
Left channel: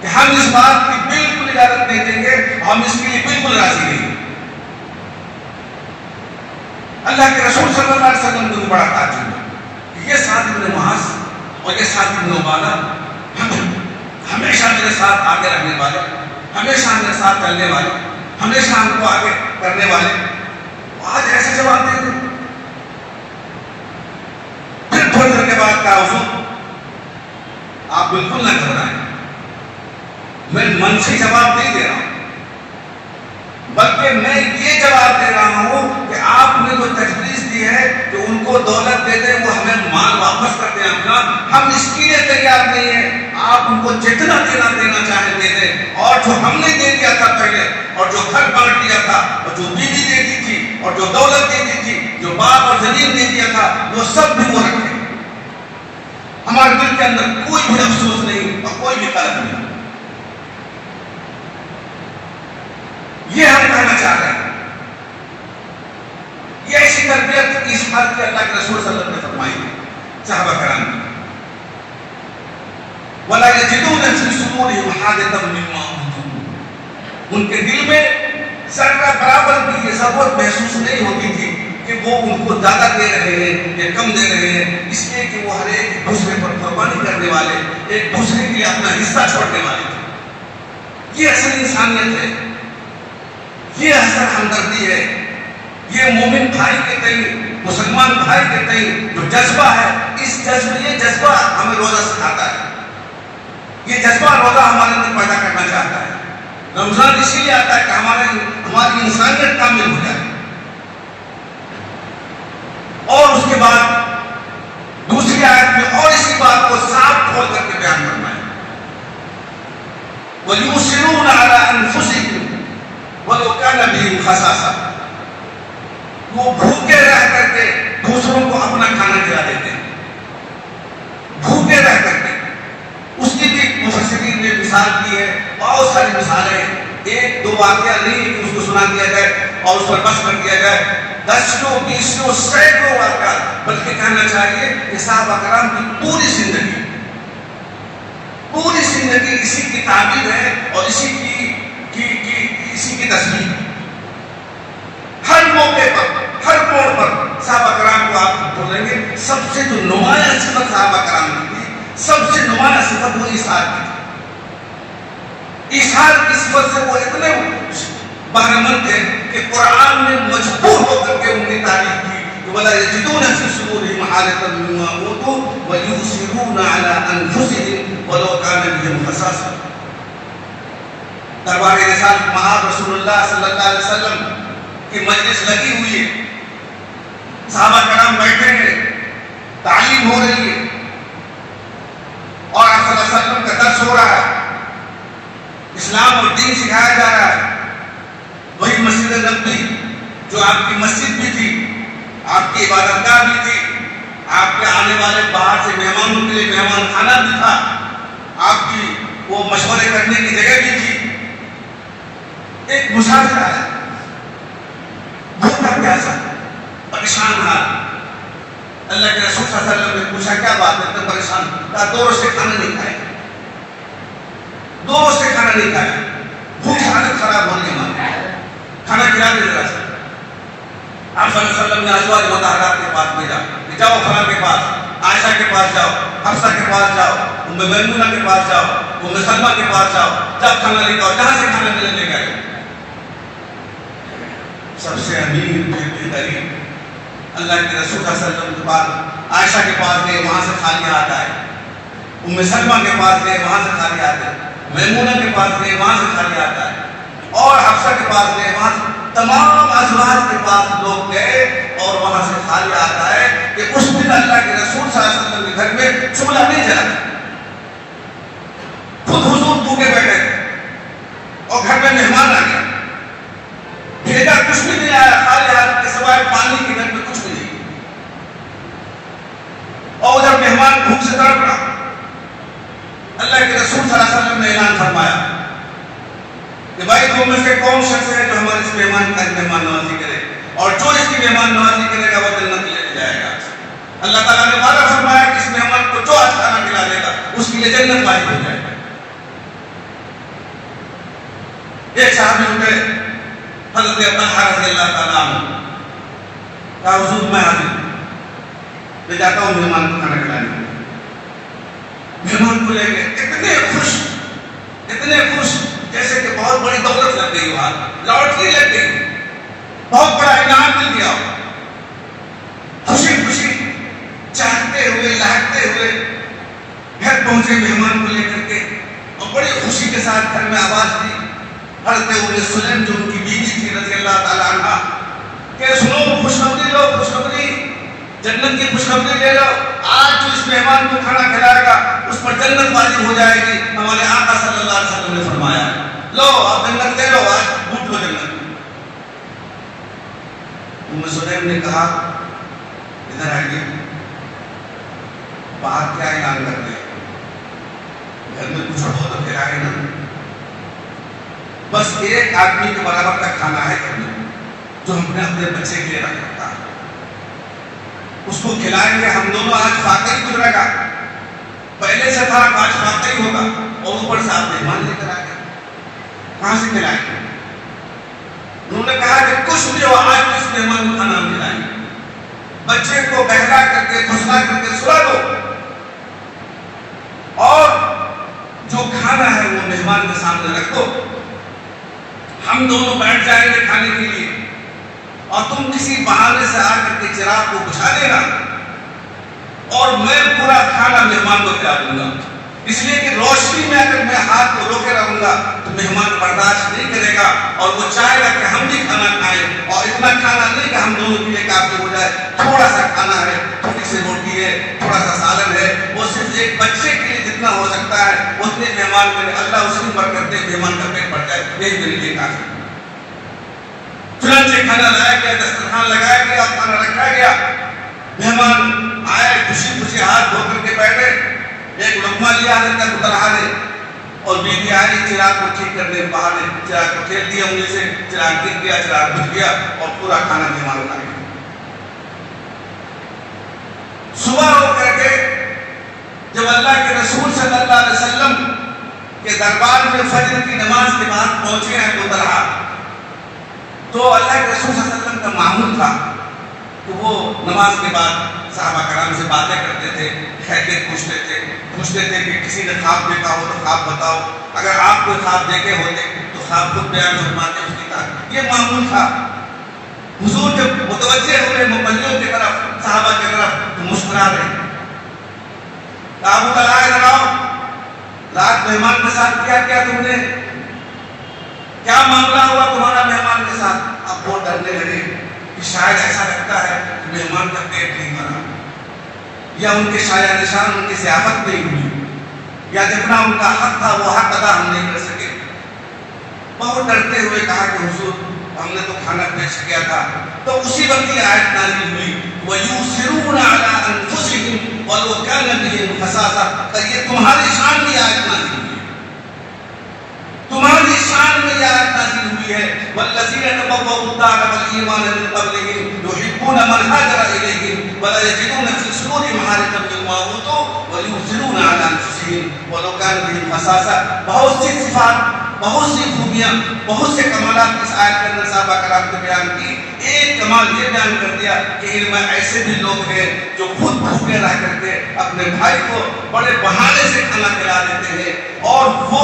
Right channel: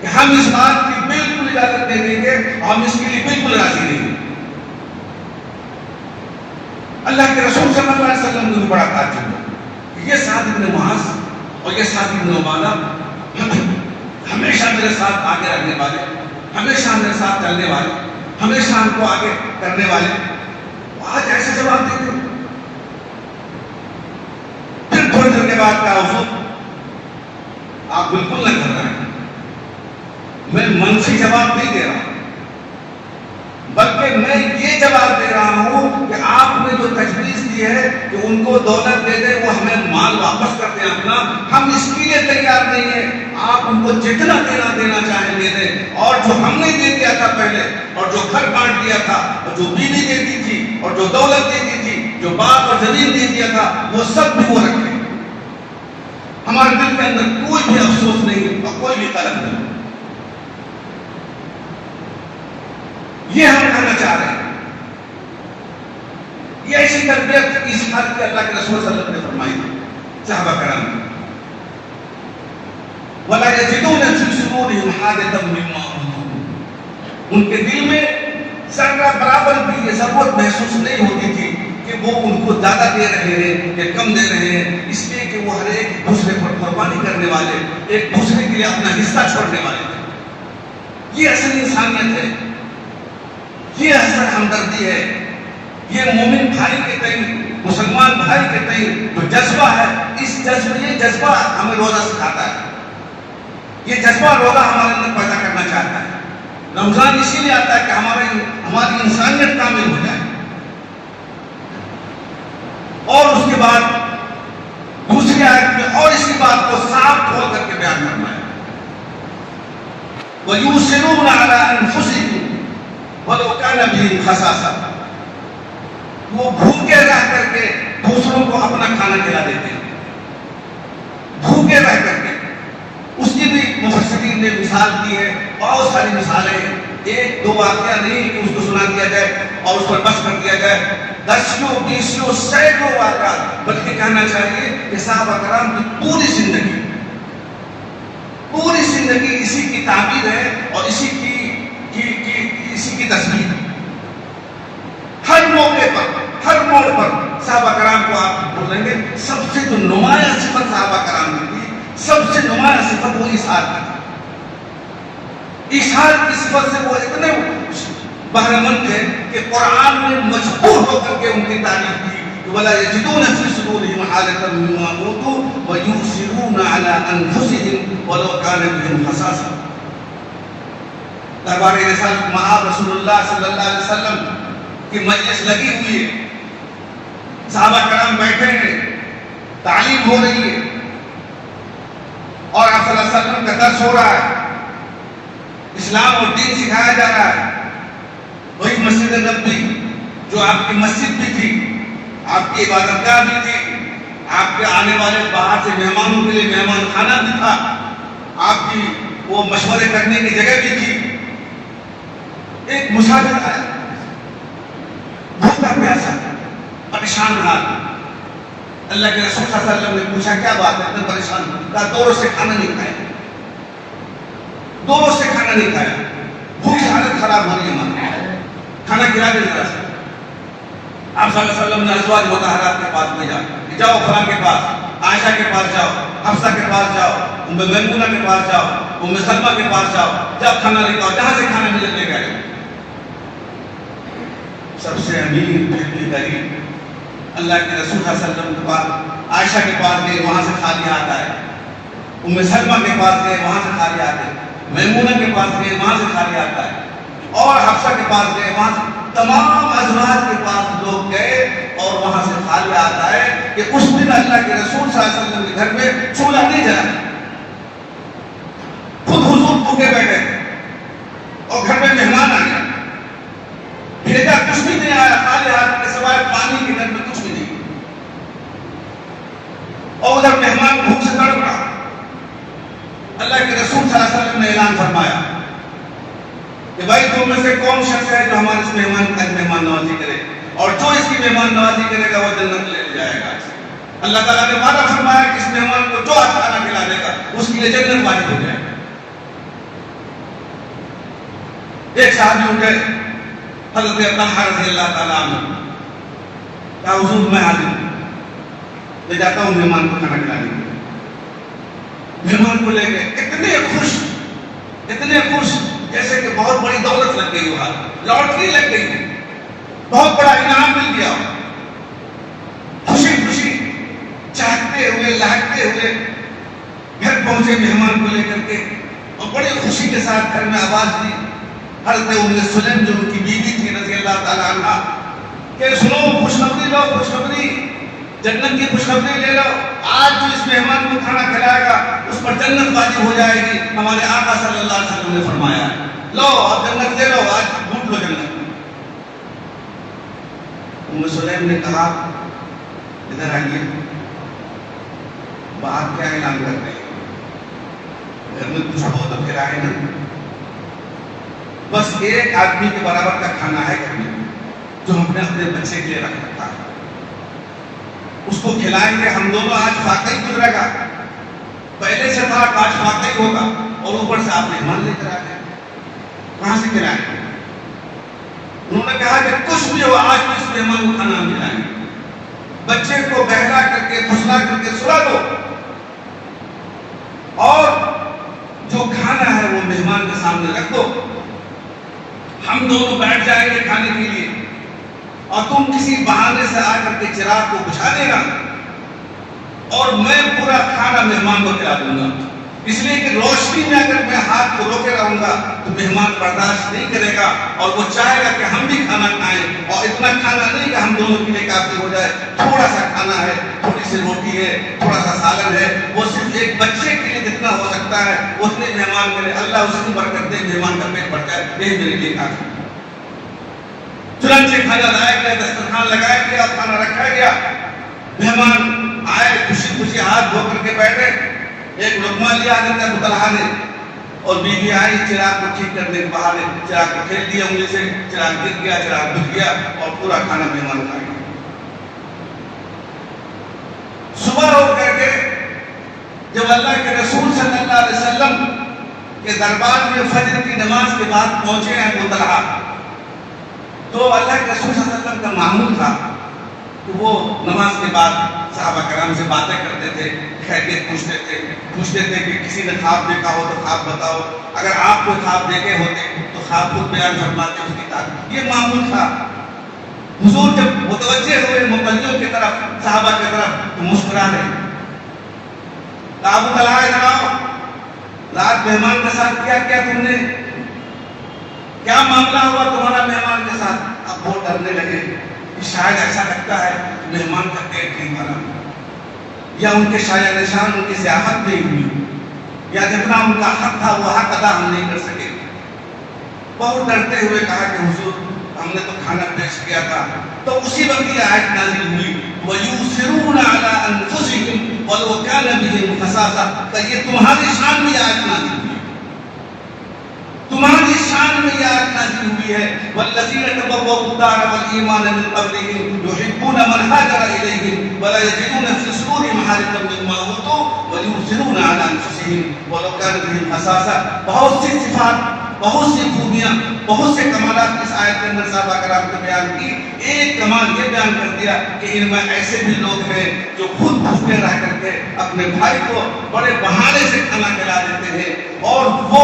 کہ ہم اس بات کی بالکل اجازت نہیں دیں گے، ہم اس کے لیے بالکل راضی نہیں ہیں. اللہ کے رسول صلی اللہ علیہ وسلم کو بڑا تعجب ہوا. یہ سعد بن معاذ اور یہ سعد بن عبادہ ہمیشہ میرے ساتھ آگے رکھنے والے، ہمیشہ میرے ساتھ چلنے والے، ہمیشہ ہم کو آگے کرنے والے، آج ایسے جواب دیتے. پھر تھوڑی دیر کے بعد کہا حضور آپ بالکل نہ گھبرائیں، میں منفی جواب نہیں دے رہا ہوں، بلکہ میں یہ جواب دے رہا ہوں کہ آپ نے جو تجویز دی ہے کہ ان کو دولت دے دیں، وہ ہمیں مال واپس کر دیں اپنا، ہم اس کے لیے تیار نہیں ہیں. آپ ان کو جتنا دینا چاہیں دے دیں، اور جو ہم نے دے دیا تھا پہلے، اور جو گھر بانٹ دیا تھا، اور جو بیوی دے دی تھی، اور جو دولت دے دی تھی، جو باپ اور زمین دے دیا تھا، وہ سب بھی وہ رکھیں. ہمارے دل کے اندر کوئی بھی افسوس نہیں اور کوئی بھی قلق نہیں. یہ ہم کہنا چاہ رہے ہیں. یہ ایسی تربیت اس بات کی اللہ کے رسول صلی اللہ علیہ وسلم نے فرمائی ہے صحابہ کرام کی. وَلَا يَجِدُونَ فِي صُدُورِهِمْ حَاجَةً مِّمَّا أُوتُوا، ان کے دل میں ذرہ برابر بھی یہ ضرورت محسوس نہیں ہوتی تھی کہ وہ ان کو زیادہ دے رہے ہیں یا کم دے رہے ہیں، اس لیے کہ وہ ہر ایک دوسرے پر قربانی کرنے والے، ایک دوسرے کے لیے اپنا حصہ چھوڑنے والے تھے. یہ اصل انسانیت ہے، یہ اصل ہمدردی ہے. یہ مومن بھائی کے تئیں، مسلمان بھائی کے تئیں جو جذبہ ہے، یہ جذبہ ہمیں روزہ سکھاتا ہے. یہ جذبہ روزہ ہمارے اندر پیدا کرنا چاہتا ہے. رمضان اسی لیے آتا ہے کہ ہماری انسانیت کامل ہو جائے. اور اس کے بعد دوسری آیت میں اور اسی بات کو صاف کھول کر کے بیان کرنا ہے. وَيُؤْثِرُونَ عَلَىٰ أَنفُسِهِمْ وَلَوْ كَانَ بِهِمْ خَصَاصَةٌ، وہ بھوکے رہ کر کے دوسروں کو اپنا کھانا کھلا دیتے ہیں. بھوکے رہ کر کے اس کی بھی مفسرین نے مثال دی ہے، بہت ساری مثالیں ہیں، ایک دو واقعہ نہیں کہ اس کو سنا دیا جائے اور اس پر بس کر دیا جائے، دسوں بیسوں سینکڑوں واقعہ، بلکہ کہنا چاہیے کہ صحابہ کرام کی پوری زندگی اسی کی تعبیر ہے اور اسی کی تصویر۔ ہر موقع پر، ہر موڑ پر صحابہ کرام کو آپ بولیں گے سب سے جو نمایاں صفت صحابہ کرام کی تھی، سب سے نمایاں صفت وہ ایثار کی تھی۔ ایثار کی صفت سے وہ اتنے بہرمند تھے کہ قرآن نے مجبور ہو کر کے ان کی تعریف کی کہ وَلَا يَجِدُونَ فِي صُدُورِهِمْ حَاجَةً مِّمَّا أُوتُوا وَيُؤْثِرُونَ عَلَىٰ أَنفُسِهِمْ وَلَوْ كَانَ بِهِمْ خَصَاصَةٌ۔ دربار رسالت مآب رسول اللہ صلی اللہ علیہ وسلم کی مجلس لگی ہوئی ہے، صحابہ کرام بیٹھے ہیں، تعلیم ہو رہی ہے اور آپ صلی اللہ علیہ وسلم کا درس ہو رہا ہے، اسلام اور دین سکھایا جا رہا ہے۔ وہی مسجد نبوی جو آپ کی مسجد بھی تھی، آپ کی عبادت گاہ بھی تھی، آپ کے آنے والے باہر سے مہمانوں کے لیے مہمان خانہ بھی تھا، آپ کی وہ مشورے کرنے کی جگہ بھی تھی۔ ایک مسافر آیا، بھوکا پیاسا، پریشان حال، اللہ کے رسول صلی اللہ علیہ وسلم نے پوچھا کیا بات ہے، اتنے پریشان؟ کہا 2 روز سے کھانا نہیں کھایا، 2 روز سے کھانا نہیں کھایا، بھوک سے حالت خراب ہو رہی ہے ہماری، کھانا کھلا دے ذرا سا۔ آپ صلی اللہ علیہ وسلم نے ازواج مطہرات کے پاس بھیجا کہ جاؤ فلاں کے پاس، عائشہ کے پاس جاؤ، حفصہ کے پاس جاؤ، ام میمونہ کے پاس جاؤ، ام سلمہ کے پاس جاؤ، جب کھانا لے جاؤ، جہاں سے کھانا ملے لے گئے۔ سب سے امیر بہترین اللہ کے رسول صلی اللہ علیہ وسلم کے پاس عائشہ کے پاس گئے، وہاں سے خالی آتا ہے، ام سلمہ کے پاس گئے، وہاں سے خالی آتے ہیں، میمونہ کے پاس گئے، وہاں سے خالی آتا ہے، اور حفصہ کے پاس گئے، وہاں سے تمام ازواج کے پاس لوگ گئے اور وہاں سے خالی آتا ہے کہ اس دن اللہ کے رسول صلی اللہ علیہ وسلم کے گھر میں چولہا نہیں جلا، خود حضور بھوکے بیٹھے اور گھر میں مہمان آ گیا، بھیجا کچھ بھی نہیں آیا، خالی ہاتھ کے سوائے پانی کے گھر میں کچھ بھی نہیں، اور ادھر مہمان بھوک سے تڑپ رہا۔ اللہ کے رسول صلی اللہ علیہ وسلم نے اعلان فرمایا کہ بھائی تم میں سے کون شخص ہے جو ہمارے اس مہمان کا مہمان نوازی کرے، اور جو اس کی مہمان نوازی کرے گا وہ جنت لے جائے گا۔ اللہ تعالیٰ نے وعدہ فرمایا کہ اس مہمان کو جو آج کھانا کھلا دے گا اس کے لیے جنت واجب ہو جائے گا۔ ایک صحابی اٹھے، حضرت طلحہ رضی اللہ تعالیٰ عنہ، کہا حضور میں حاضر ہوں، میں جاتا ہوں مہمان کو کھانا کھلانے۔ مہمان کو لے گئے، اتنے خوش جیسے کہ بہت بڑی دولت لگ گئی، وہاں لاٹری لگ گئی، بہت بڑا انعام مل گیا، خوشی خوشی چہکتے ہوئے لہکتے ہوئے گھر پہنچے مہمان کو لے کر کے، اور بڑی خوشی کے ساتھ گھر میں آواز دی حضرت ام سلیم جو ان کی بیوی تھی رضی اللہ تعالی عنہ کہ سنو خوشخبری لو، خوشخبری، جنت کی خوشخبری لے لو، آج جو اس مہمان کو کھانا کھلائے گا اس پر جنت واجب ہو جائے گی۔ ہمارے آقا صلی اللہ علیہ وسلم نے فرمایا لو اب جنت لے لو، آج لوٹ لو جنت۔ ام سلیم نے کہا ادھر آئیے، باہر کیا اعلان کر رہے ہیں، گھر میں کچھ ہو تو کھلائے نا، بس ایک آدمی کے برابر کا کھانا ہے گھر میں جو ہم نے اپنے بچے کے لیے رکھ رکھا ہے، اس کو کھلائیں گے، ہم دونوں آج فاقہ ہی گزرے گا، پہلے سے تھا آج فاقہ ہی ہوگا، اور اوپر سے آپ مہمان لے کر آ گئے، کہاں سے کھلائیں گے؟ انہوں نے کہا کہ کچھ بھی ہو آج اس مہمان کو کھانا ہم کھلائیں گے، بچے کو بہلا کر کے پھسلا کر کے سلا دو، اور جو کھانا ہے وہ مہمان کے سامنے رکھ دو، ہم دونوں بیٹھ جائیں گے کھانے کے لیے، اور تم کسی بہانے سے آ کر کے چراغ کو بجھا دینا، اور میں پورا کھانا مہمان کو کھلا دوں گا، اس لیے کہ روشنی میں اگر میں ہاتھ کو روکے رہوں گا تو مہمان برداشت نہیں کرے گا، اور وہ چاہے گا کہ ہم بھی کھانا کھائیں، اور اتنا کھانا نہیں کہ ہم دونوں کے لیے کافی ہو جائے، تھوڑا سا کھانا ہے، تھوڑی سی روٹی ہے، تھوڑا سا سالن ہے، وہ صرف ایک بچے کے لیے جتنا ہو سکتا ہے اتنے مہمان میرے اللہ اس کی برکت دے، مہمان کا پیٹ بھر جائے، یہی میرے لیے کافی۔ چنانچہ کھانا لایا گیا، دسترخوان لگایا گیا، کھانا رکھا گیا، مہمان آئے خوشی خوشی ہاتھ دھو کر کے بیٹھے، ایک لقمہ لیا حضرت ابو طلحہ نے اور بیوی آئی چراغ کو ٹھیک کرنے باہر چراغ کو کھیل دیا انگلی سے، چراغ گر گیا، چراغ بجھ گیا اور پورا کھانا مہمان کھا گیا۔ صبح ہو کر کے جب اللہ کے رسول صلی اللہ علیہ وسلم کے دربار میں فجر کی نماز کے بعد پہنچے ہیں ابو طلحہ، تو اللہ کے رسول صلی اللہ علیہ وسلم کا معمول تھا تو وہ نماز کے بعد صحابہ کرام سے باتیں کرتے تھے، خیریت پوچھتے تھے کہ کسی نے خواب دیکھا ہو تو خواب بتاؤ، اگر آپ کوئی خواب دیکھے ہوتے تو خواب خود بیان فرماتے، اس کی طرح یہ معمول تھا۔ حضور جب متوجہ ہوئے مقلدوں کی طرف، صحابہ کی طرف، تو مسکرا رہے۔ ابو طلحہ ادھر آؤ، رات مہمان کے ساتھ کیا تم نے؟ کیا معاملہ ہوا تمہارا مہمان کے ساتھ؟ اب بہت ڈرنے لگے کہ شاید ایسا لگتا ہے کہ مہمان کا پیٹ نہیں بھرا، یا ان کے شایع نشان ان کی ضیافت نہیں ہوئی، یا جتنا ان کا حق تھا وہ حق ادا ہم نہیں کر سکے۔ بہت ڈرتے ہوئے کہا کہ حضور ہم نے تو کھانا پیش کیا تھا۔ تو اسی وقت یہ آیت نازل ہوئی وَيُؤْثِرُونَ عَلَىٰ أَنفُسِهِمْ وَلَوْ كَانَ بِهِمْ خَصَاصَةٌ، کہ یہ تمہاری شان میں آیت نازل ہوئی، تمہاری شان میں یہ آیت نازل ہوئی ہے۔ وَالَّذِينَ تَبَوَّءُوا الدَّارَ وَالْإِيمَانَ مِنْ قَبْلِهِمْ يُحِبُّونَ مَنْ هَاجَرَ إِلَيْهِمْ وَلَا يَجِدُونَ فِي صُدُورِهِمْ حَاجَةً مِّمَّا أُوتُوا وَيُؤْثِرُونَ عَلَىٰ أَنفُسِهِمْ وَلَوْ كَانَ بِهِمْ خَصَاصَةٌ۔ بہت سی صفات، بہت سی خوبیاں، بہت سے کمالات اس آیت کے اندر صحابہ کرام نے بیان کی۔ ایک کمال یہ بیان کر دیا کہ ان میں ایسے بھی لوگ ہیں جو خود بھوکے رہ کرتے اپنے بھائی کو بڑے بہانے سے کھانا کھلا دیتے ہیں، اور وہ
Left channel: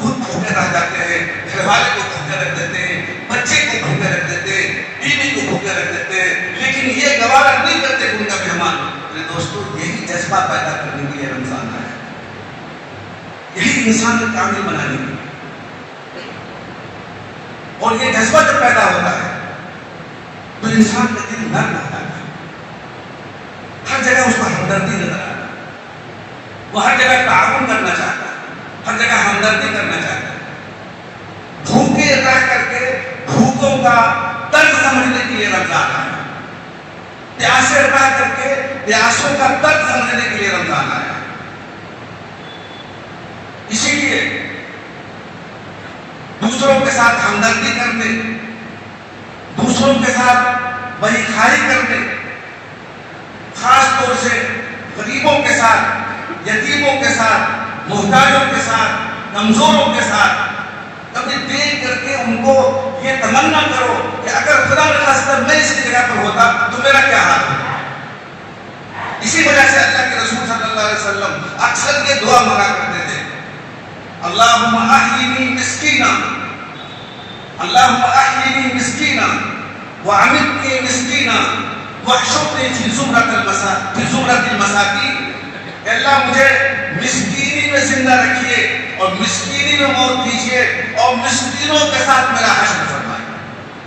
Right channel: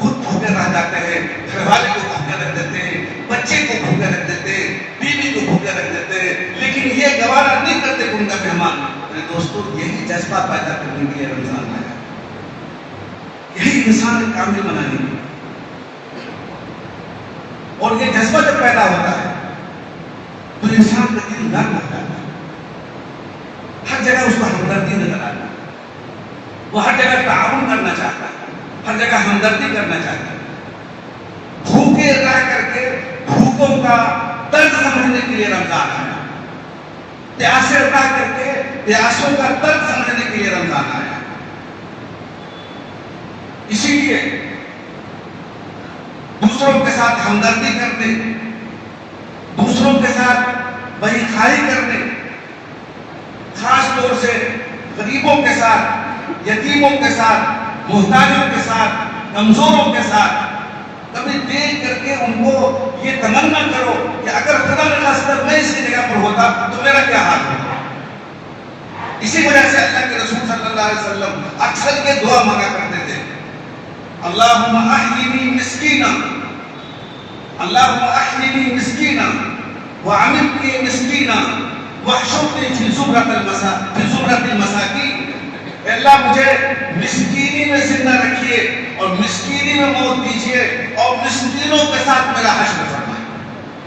خود بھوکے رہ جاتے ہیں، گھر والے کو بھوکے رکھ دیتے ہیں، بچے کو بھوکے رکھ دیتے ہیں، بیوی کو بھوکے رکھ دیتے ہیں، لیکن یہ گوارا نہیں کرتے ان کا مہمان۔ میرے دوستو، یہی جذبہ پیدا کرنے کے لیے رمضان آیا، یہی انسان کامل بنانے کے لیے، اور یہ جذبہ جب پیدا ہوتا ہے تو انسان کا دل نرم ہو جاتا ہے، ہر جگہ اس کو ہمدردی نظر آتا ہے، وہ ہر جگہ تعاون کرنا چاہتا ہے، ہر جگہ ہمدردی کرنا چاہتا ہے۔ بھوکے رہ کر کے بھوکوں کا درد سمجھنے کے لیے رمضان آیا، پیاسے رہ کر کے پیاسوں کا درد سمجھنے کے لیے رمضان آیا۔ اسی لیے دوسروں کے ساتھ ہمدردی کرنے، دوسروں کے ساتھ بھائی خائی کرنے، خاص طور سے غریبوں کے ساتھ، یتیموں کے ساتھ، محتاجوں کے ساتھ، کمزوروں کے ساتھ، کبھی دیکھ کر کے ان کو یہ تمنا کرو کہ اگر خدا نخواستہ میں اس کی جگہ پر ہوتا تو میرا کیا حال ہوتا۔ اسی وجہ سے اللہ کے رسول صلی اللہ علیہ وسلم اکثر یہ دعا مانگا کرتے تھے، اللہم احیینی مسکینا، اللہم احیینی مسکینا وعمتنی مسکینا واحشرنی فی زمرۃ المساکین۔ اے اللہ مجھے مسکینی میں زندہ رکھیے اور مسکینی میں موت دیجیے، اور مسکینوں کے ساتھ میرا حشر فرمائے۔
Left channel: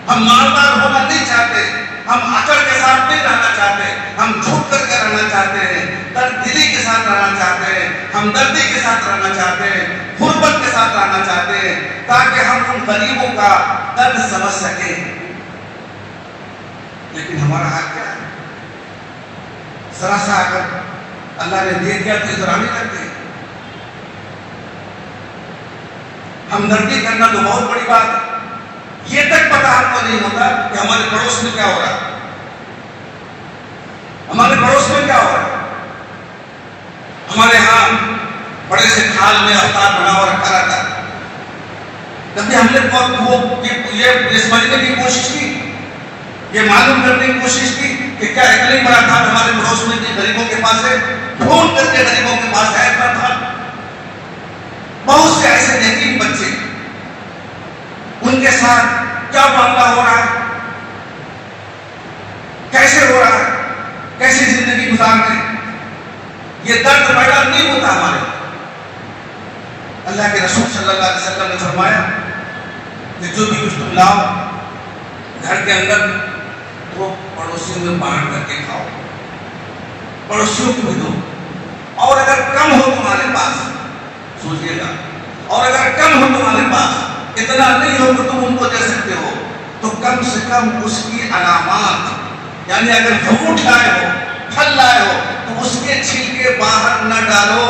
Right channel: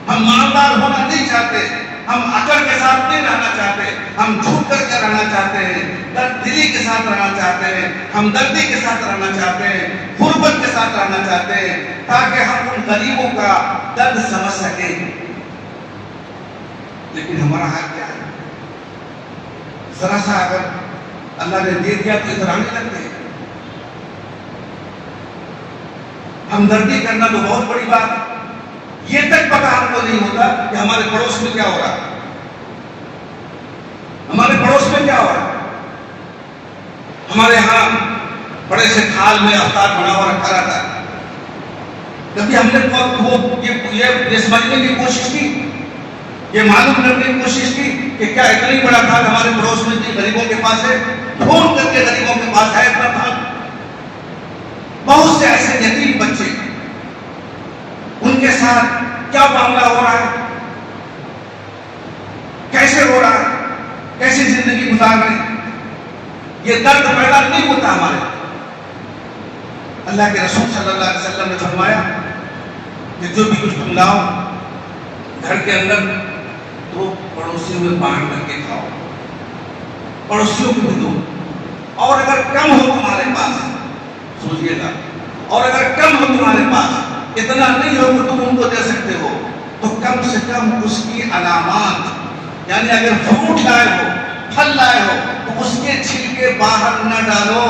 ہم مالدار ہونا نہیں چاہتے، ہم عقل کے ساتھ نہیں رہنا چاہتے، ہم جھوٹ کر کے رہنا چاہتے ہیں، درد دلی کے ساتھ رہنا چاہتے ہیں، ہمدردی کے ساتھ رہنا چاہتے ہیں، غربت کے ساتھ رہنا چاہتے ہیں، تاکہ ہم ان غریبوں کا درد سمجھ سکیں۔ لیکن ہمارا حال کیا ہے؟ ذرا سا اگر اللہ نے دے دیا تو ادھر آنے لگتے ہیں۔ ہمدردی کرنا تو بہت بڑی بات ہے، یہ تک پتہ ہم کو نہیں ہوتا کہ ہمارے پڑوس میں کیا ہو رہا ہے، ہمارے پڑوس میں کیا ہو رہا ہے۔ ہمارے ہاں بڑے سے تھال میں افطار بنا ہوا رکھا رہتا ہے، کبھی ہم نے یہ سمجھنے کی کوشش کی، یہ معلوم کرنے کی کوشش کی کہ کیا اتنا ہی بڑا تھال ہمارے پڑوس میں جن غریبوں کے پاس ہے، فون کر کے غریبوں کے پاس ہے اتنا تھال۔ بہت سے ایسے یتیم بچے، ان کے ساتھ کیا معاملہ ہو رہا ہے، کیسے ہو رہا ہے، کیسے زندگی گزار رہے ہیں، یہ درد پیدا نہیں ہوتا ہمارے۔ اللہ کے رسول صلی اللہ علیہ وسلم نے فرمایا کہ جو بھی کچھ تم لاؤ گھر کے اندر وہ پڑوسیوں میں بانٹ کر کے کھاؤ، پڑوسیوں کو بھی دو، اور اگر کم ہو تمہارے پاس، سوچئے گا، اور اگر کم ہو تمہارے پاس، اتنا نہیں ہو کہ تم ان کو دے سکتے ہو، تو کم سے کم اس کی علامات، یعنی اگر فروٹ لائے ہو، پھل لائے ہو تو اس کے چھلکے باہر نہ ڈالو،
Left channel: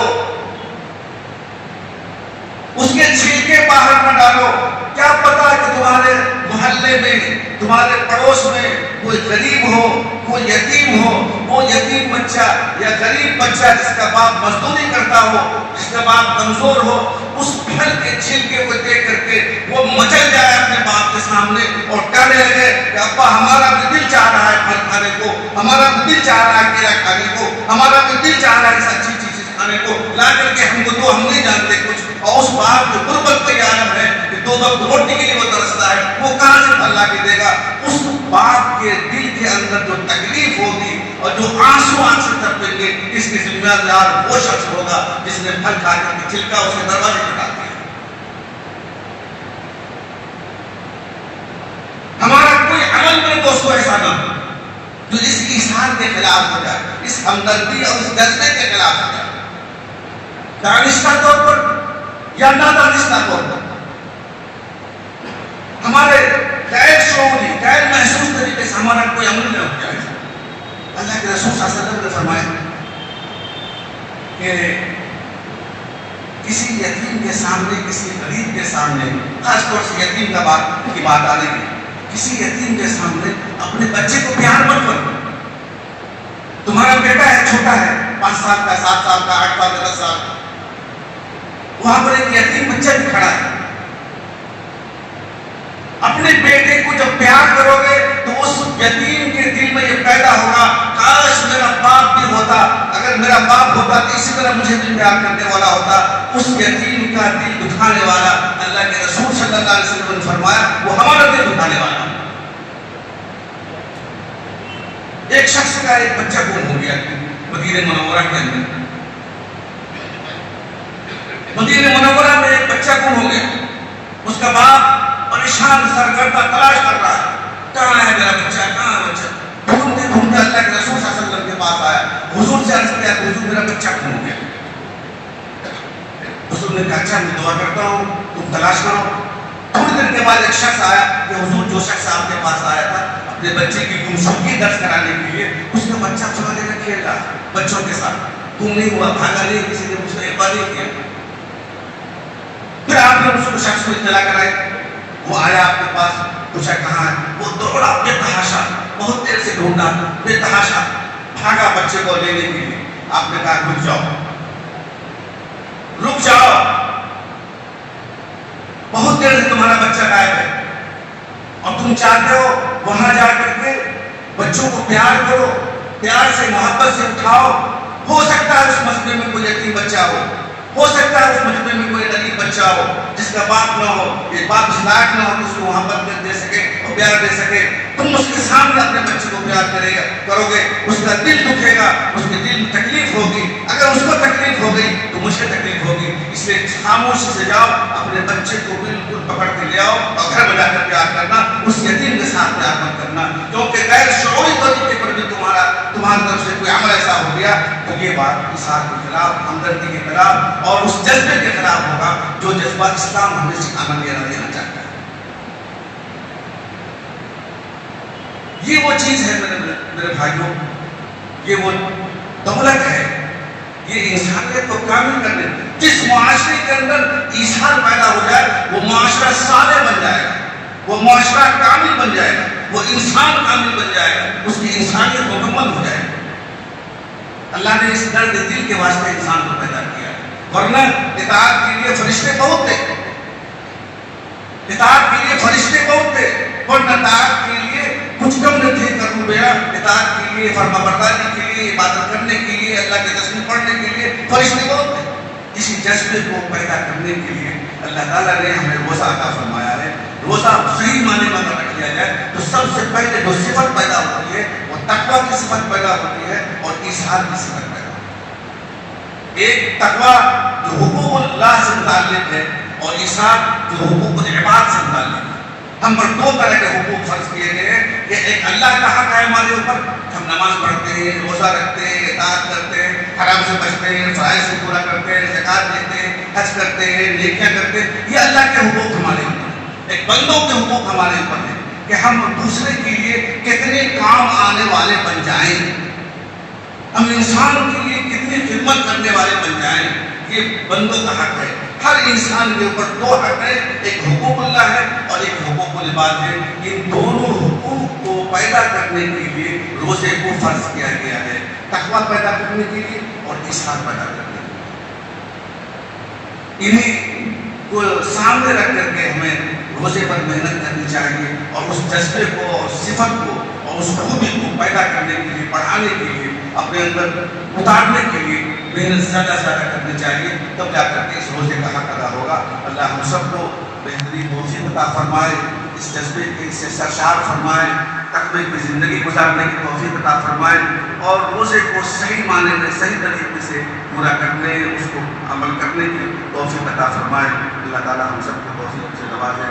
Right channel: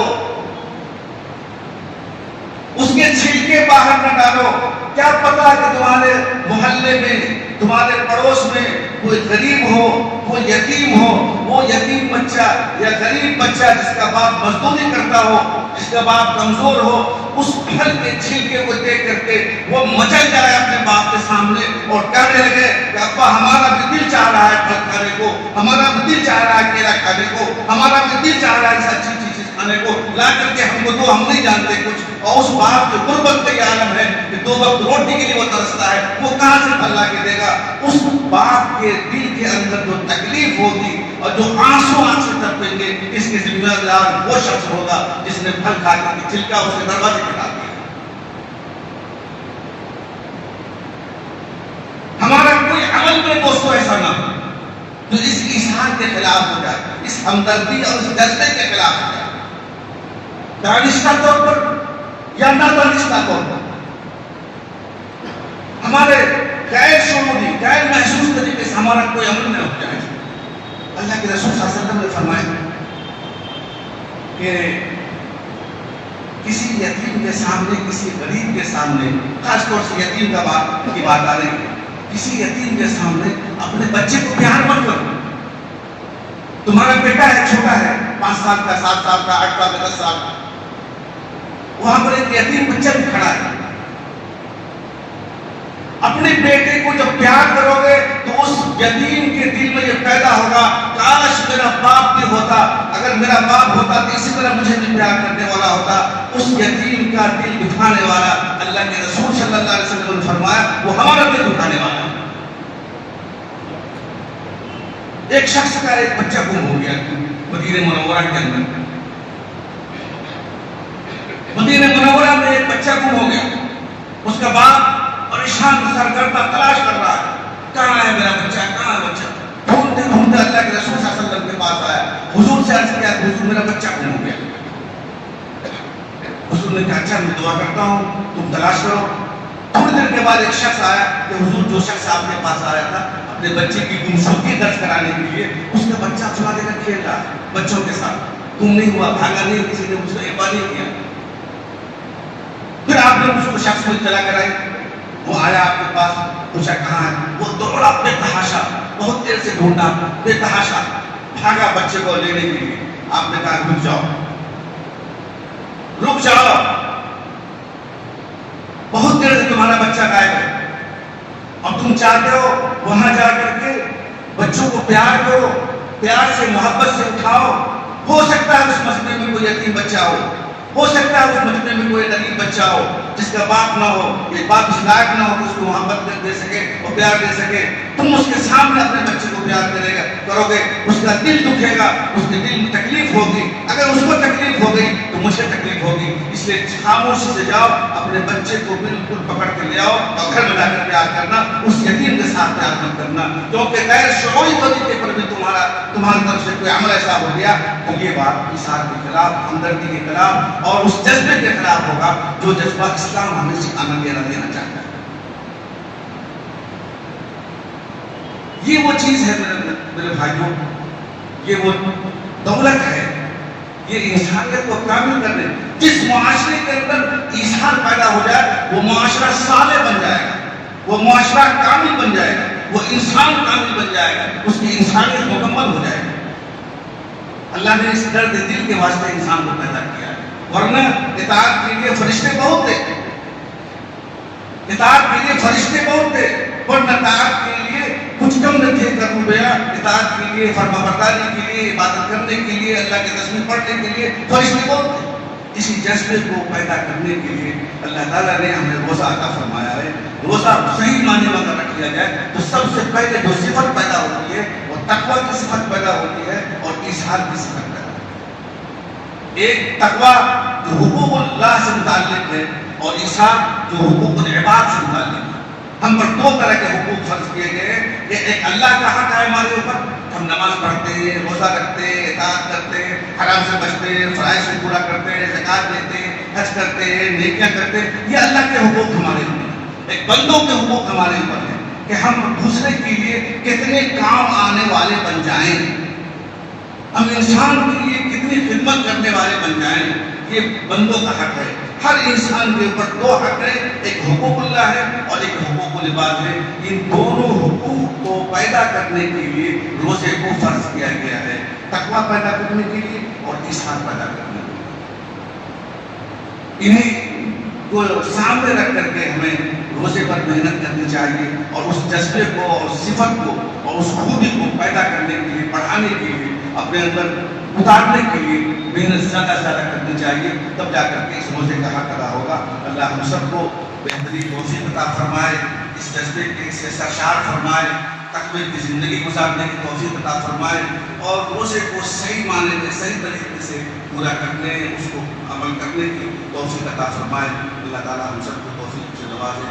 اس کے چھلکے باہر نہ ڈالو۔ کیا پتا کہ تمہارے محلے میں، تمہارے پڑوس میں کوئی غریب ہو، کوئی یتیم ہو، وہ یتیم بچہ یا غریب بچہ جس کا باپ مزدوری کرتا ہو، جس کا باپ کمزور ہو، اس پھل کے چھلکے کو دیکھ کر کے وہ مچل جائے اپنے باپ کے سامنے اور کہنے لگے کہ ابا ہمارا بھی دل چاہ رہا ہے پھل کھانے کو، ہمارا بھی دل چاہ رہا ہے کیلا کھانے کو، ہمارا بھی دل چاہ رہا ہے ایسا اچھی چیز کھانے کو، لا کر کے ہم کو تو ہم نہیں جانتے کچھ۔ اور اس باپ جو غربت کا یہ عالم ہے کہ 2 وقت روٹی کے لیے وہ ترستا ہے، وہ کہاں سے پھل لا کے دے گا؟ اس باپ کے دل کے اندر جو تکلیف ہوگی اور جو آنسو آنکھ سے ٹپکیں گے، اس کے ذمہ دار وہ شخص ہوگا جس نے پھل کھا کر کے چھلکا اس کے دروازے پہ ڈال دیا۔ ہمارا کوئی عمل میں دوستو ایسا نہ ہو جو اس ایثار کے خلاف ہو جائے، اس ہمدردی اور اس جذبے کے خلاف ہو جائے، دانشتہ طور پر یا نادانشتہ طور پر۔ ہمارے غیر شعوری، غیر محسوس طریقے سے ہمارا کوئی عمل نہ ہو جائے۔ اللہ کے رسول صلی اللہ علیہ وسلم نے فرمایا کہ کسی یتیم کے سامنے، کسی غریب کے سامنے، خاص طور سے یتیم کا بات کی بات آ رہی ہے، کسی یتیم کے سامنے اپنے بچے کو پیار مت کرو۔ تمہارا بیٹا ہے، چھوٹا ہے، 5 سال کا، 7 سال کا، 8 سال کا، 10 سال کا، وہاں پر ایک یتیم بچہ بھی کھڑا ہے۔ اپنے بیٹے کو جب پیار کرو گے تو اس یتیم کے دل میں یہ پیدا ہوگا، کاش میرا باپ بھی ہوتا، اگر میرا باپ ہوتا تو اسی طرح مجھے بھی پیار کرنے والا ہوتا۔ اس یتیم کا دل دکھانے والا اللہ کے رسول صلی اللہ علیہ وسلم نے فرمایا وہ ہمارا دل دکھانے والا۔ ایک شخص کا ایک بچہ گم ہو گیا مدینہ منورہ کے اندر، مدینہ منورہ میں ایک بچہ گم ہو گیا، اس کا باپ پریشان سرگردہ تلاش کر رہا ہے، کہاں ہے میرا بچہ، کہاں ہے بچہ؟ ڈھونڈتے ڈھونڈتے اللہ کے رسول صلی اللہ علیہ وسلم کے پاس آیا، حضور سے عرض کیا، حضور میرا بچہ گم ہو گیا۔ حضور نے کہا اچھا میں دعا کرتا ہوں، تم تلاش کرو۔ تھوڑی دیر کے بعد ایک شخص آیا کہ حضور جو شخص آپ کے پاس آیا تھا اپنے بچے کی گمشدگی درج کرانے کے لیے، اس کا بچہ فلاں جگہ کھیل رہا بچوں کے ساتھ، گم نہیں ہوا، بھاگا نہیں، کسی نے اس کو اعتبار نہیں کیا۔ پھر آپ نے اس کو شخص کو اطلاع کرائی، وہ آیا آپ کے پاس، پوچھا کہاں ہے، وہ دوڑا بے تحاشا، بہت دیر سے ڈھونڈا، بے تحاشا بھاگا بچے کو لینے کے لیے۔ آپ نے کہا رک جاؤ، رک جاؤ، بہت دیر سے تمہارا بچہ غائب ہے اور تم چاہتے ہو وہاں جا کر کے بچوں کو پیار کرو، پیار سے محبت سے اٹھاؤ۔ ہو سکتا ہے اس مسجد میں کوئی یتیم بچہ ہو سکتا ہے اس مسجد میں کوئی غریب بچہ ہو جس کا باپ نہ ہو، یہ باپ اس لائق نہ ہو کہ اس کو محبت دے سکے اور پیار دے سکے۔ تم اس کے سامنے اپنے بچے کو پیار کرو گے، اس کا دل دکھے گا، اس کے دل میں تکلیف ہوگی، اگر اس کو تکلیف ہو گئی تو مجھے تکلیف ہوگی۔ اس لیے خاموشی سے جاؤ، اپنے بچے کو بالکل پکڑ کے لے آؤ اور گھر میں جا کر پیار کرنا، اس یتیم کے ساتھ پیار مت کرنا، کیونکہ غیر شعوری طریقے پر بھی تمہاری طرف سے کوئی عمل ایسا ہو گیا تو یہ بات ایثار کے خلاف، ہمدردی کے خلاف اور اس جذبے کے خلاف ہوگا جو جذبہ اسلام ہمیں سکھانا دینا چاہتا ہے۔ یہ وہ چیز ہے میرے بھائیوں، یہ وہ دولت ہے، یہ انسانیت کو کامل کرنے، جس معاشرے کے اندر ایثار پیدا ہو جائے وہ معاشرہ صالح بن جائے گا، وہ معاشرہ کامل بن جائے گا، وہ انسان کامل بن جائے گا، اس کی انسانیت مکمل ہو جائے گی۔ اللہ نے اس درد دل کے واسطے انسان کو پیدا کیا ہے، ورنہ اطاعت کے لیے فرشتے بہت تھے، اطاعت کے لیے فرشتے بہت تھے، ورنہ اطاعت کے لیے کچھ کم نہ تھے کربیا، اطاعت کے لیے، فرمانبرداری کے لیے، عبادت کرنے کے لیے، اللہ کے تسبیح پڑھنے کے لیے فرشتے بہت تھے۔ اسی جذبے کو پیدا کرنے کے لیے اللہ تعالیٰ نے ہمیں روزہ عطا فرمایا ہے۔ روزہ صحیح معنی میں اگر رکھ لیا جائے تو سب سے پہلے جو صفت پیدا ہوتی ہے وہ تقویٰ کی صفت پیدا ہوتی ہے اور ایثار کی صفت پیدا ہوتی ہے۔ ایک تقویٰ جو حقوق اللہ سے متعلق ہے اور ایثار جو حقوق العباد سے متعلق ہے۔ ہم پر 2 طرح کے حقوق فرض کیے گئے ہیں کہ ایک اللہ کا حق ہے ہمارے اوپر، ہم نماز پڑھتے ہیں، روزہ رکھتے ہیں، اطاعت کرتے ہیں، حرام سے بچتے ہیں، فرائض کو پورا کرتے ہیں، زکوٰۃ دیتے ہیں، حج کرتے ہیں، نیکیاں کرتے ہیں، یہ اللہ کے حقوق ہمارے اوپر ہیں۔ ایک بندوں کے حقوق ہمارے اوپر ہیں کہ ہم دوسرے کے لیے کتنے کام آنے والے بن جائیں، ہم انسان کے لیے کتنی خدمت کرنے والے بن جائیں، یہ بندوں کا حق ہے۔ ہر انسان کے اوپر دو حق ہے، ایک حقوق اللہ ہے اور ایک حقوق العباد ہے۔ ان دونوں حقوق کو پیدا کرنے کے لیے روزے کو فرض کیا گیا ہے، تقویٰ پیدا کرنے کے لیے اور احسان پیدا کرنے کے لیے۔ انہیں کو سامنے رکھ کر کے ہمیں روزے پر محنت کرنی چاہیے اور اس جذبے کو اور صفت کو اور اس خوبی کو پیدا کرنے کے لیے، بڑھانے کے لیے، اپنے اندر اتارنے کے لیے محنت زیادہ سے زیادہ کرنی چاہیے، تب جا کر کے اس روزے کا حق ادا ہوگا۔ اللہ ہم سب کو بہترین توفیق عطا فرمائے، اس جذبے کے سے سرشار فرمائے، تقوی کی زندگی گزارنے کی توفیق عطا فرمائے اور روزے کو صحیح معنی میں صحیح طریقے سے پورا کرنے، اس کو عمل کرنے کی توفیق عطا فرمائے۔ اللہ تعالیٰ ہم سب کو توفیق سے نوازے۔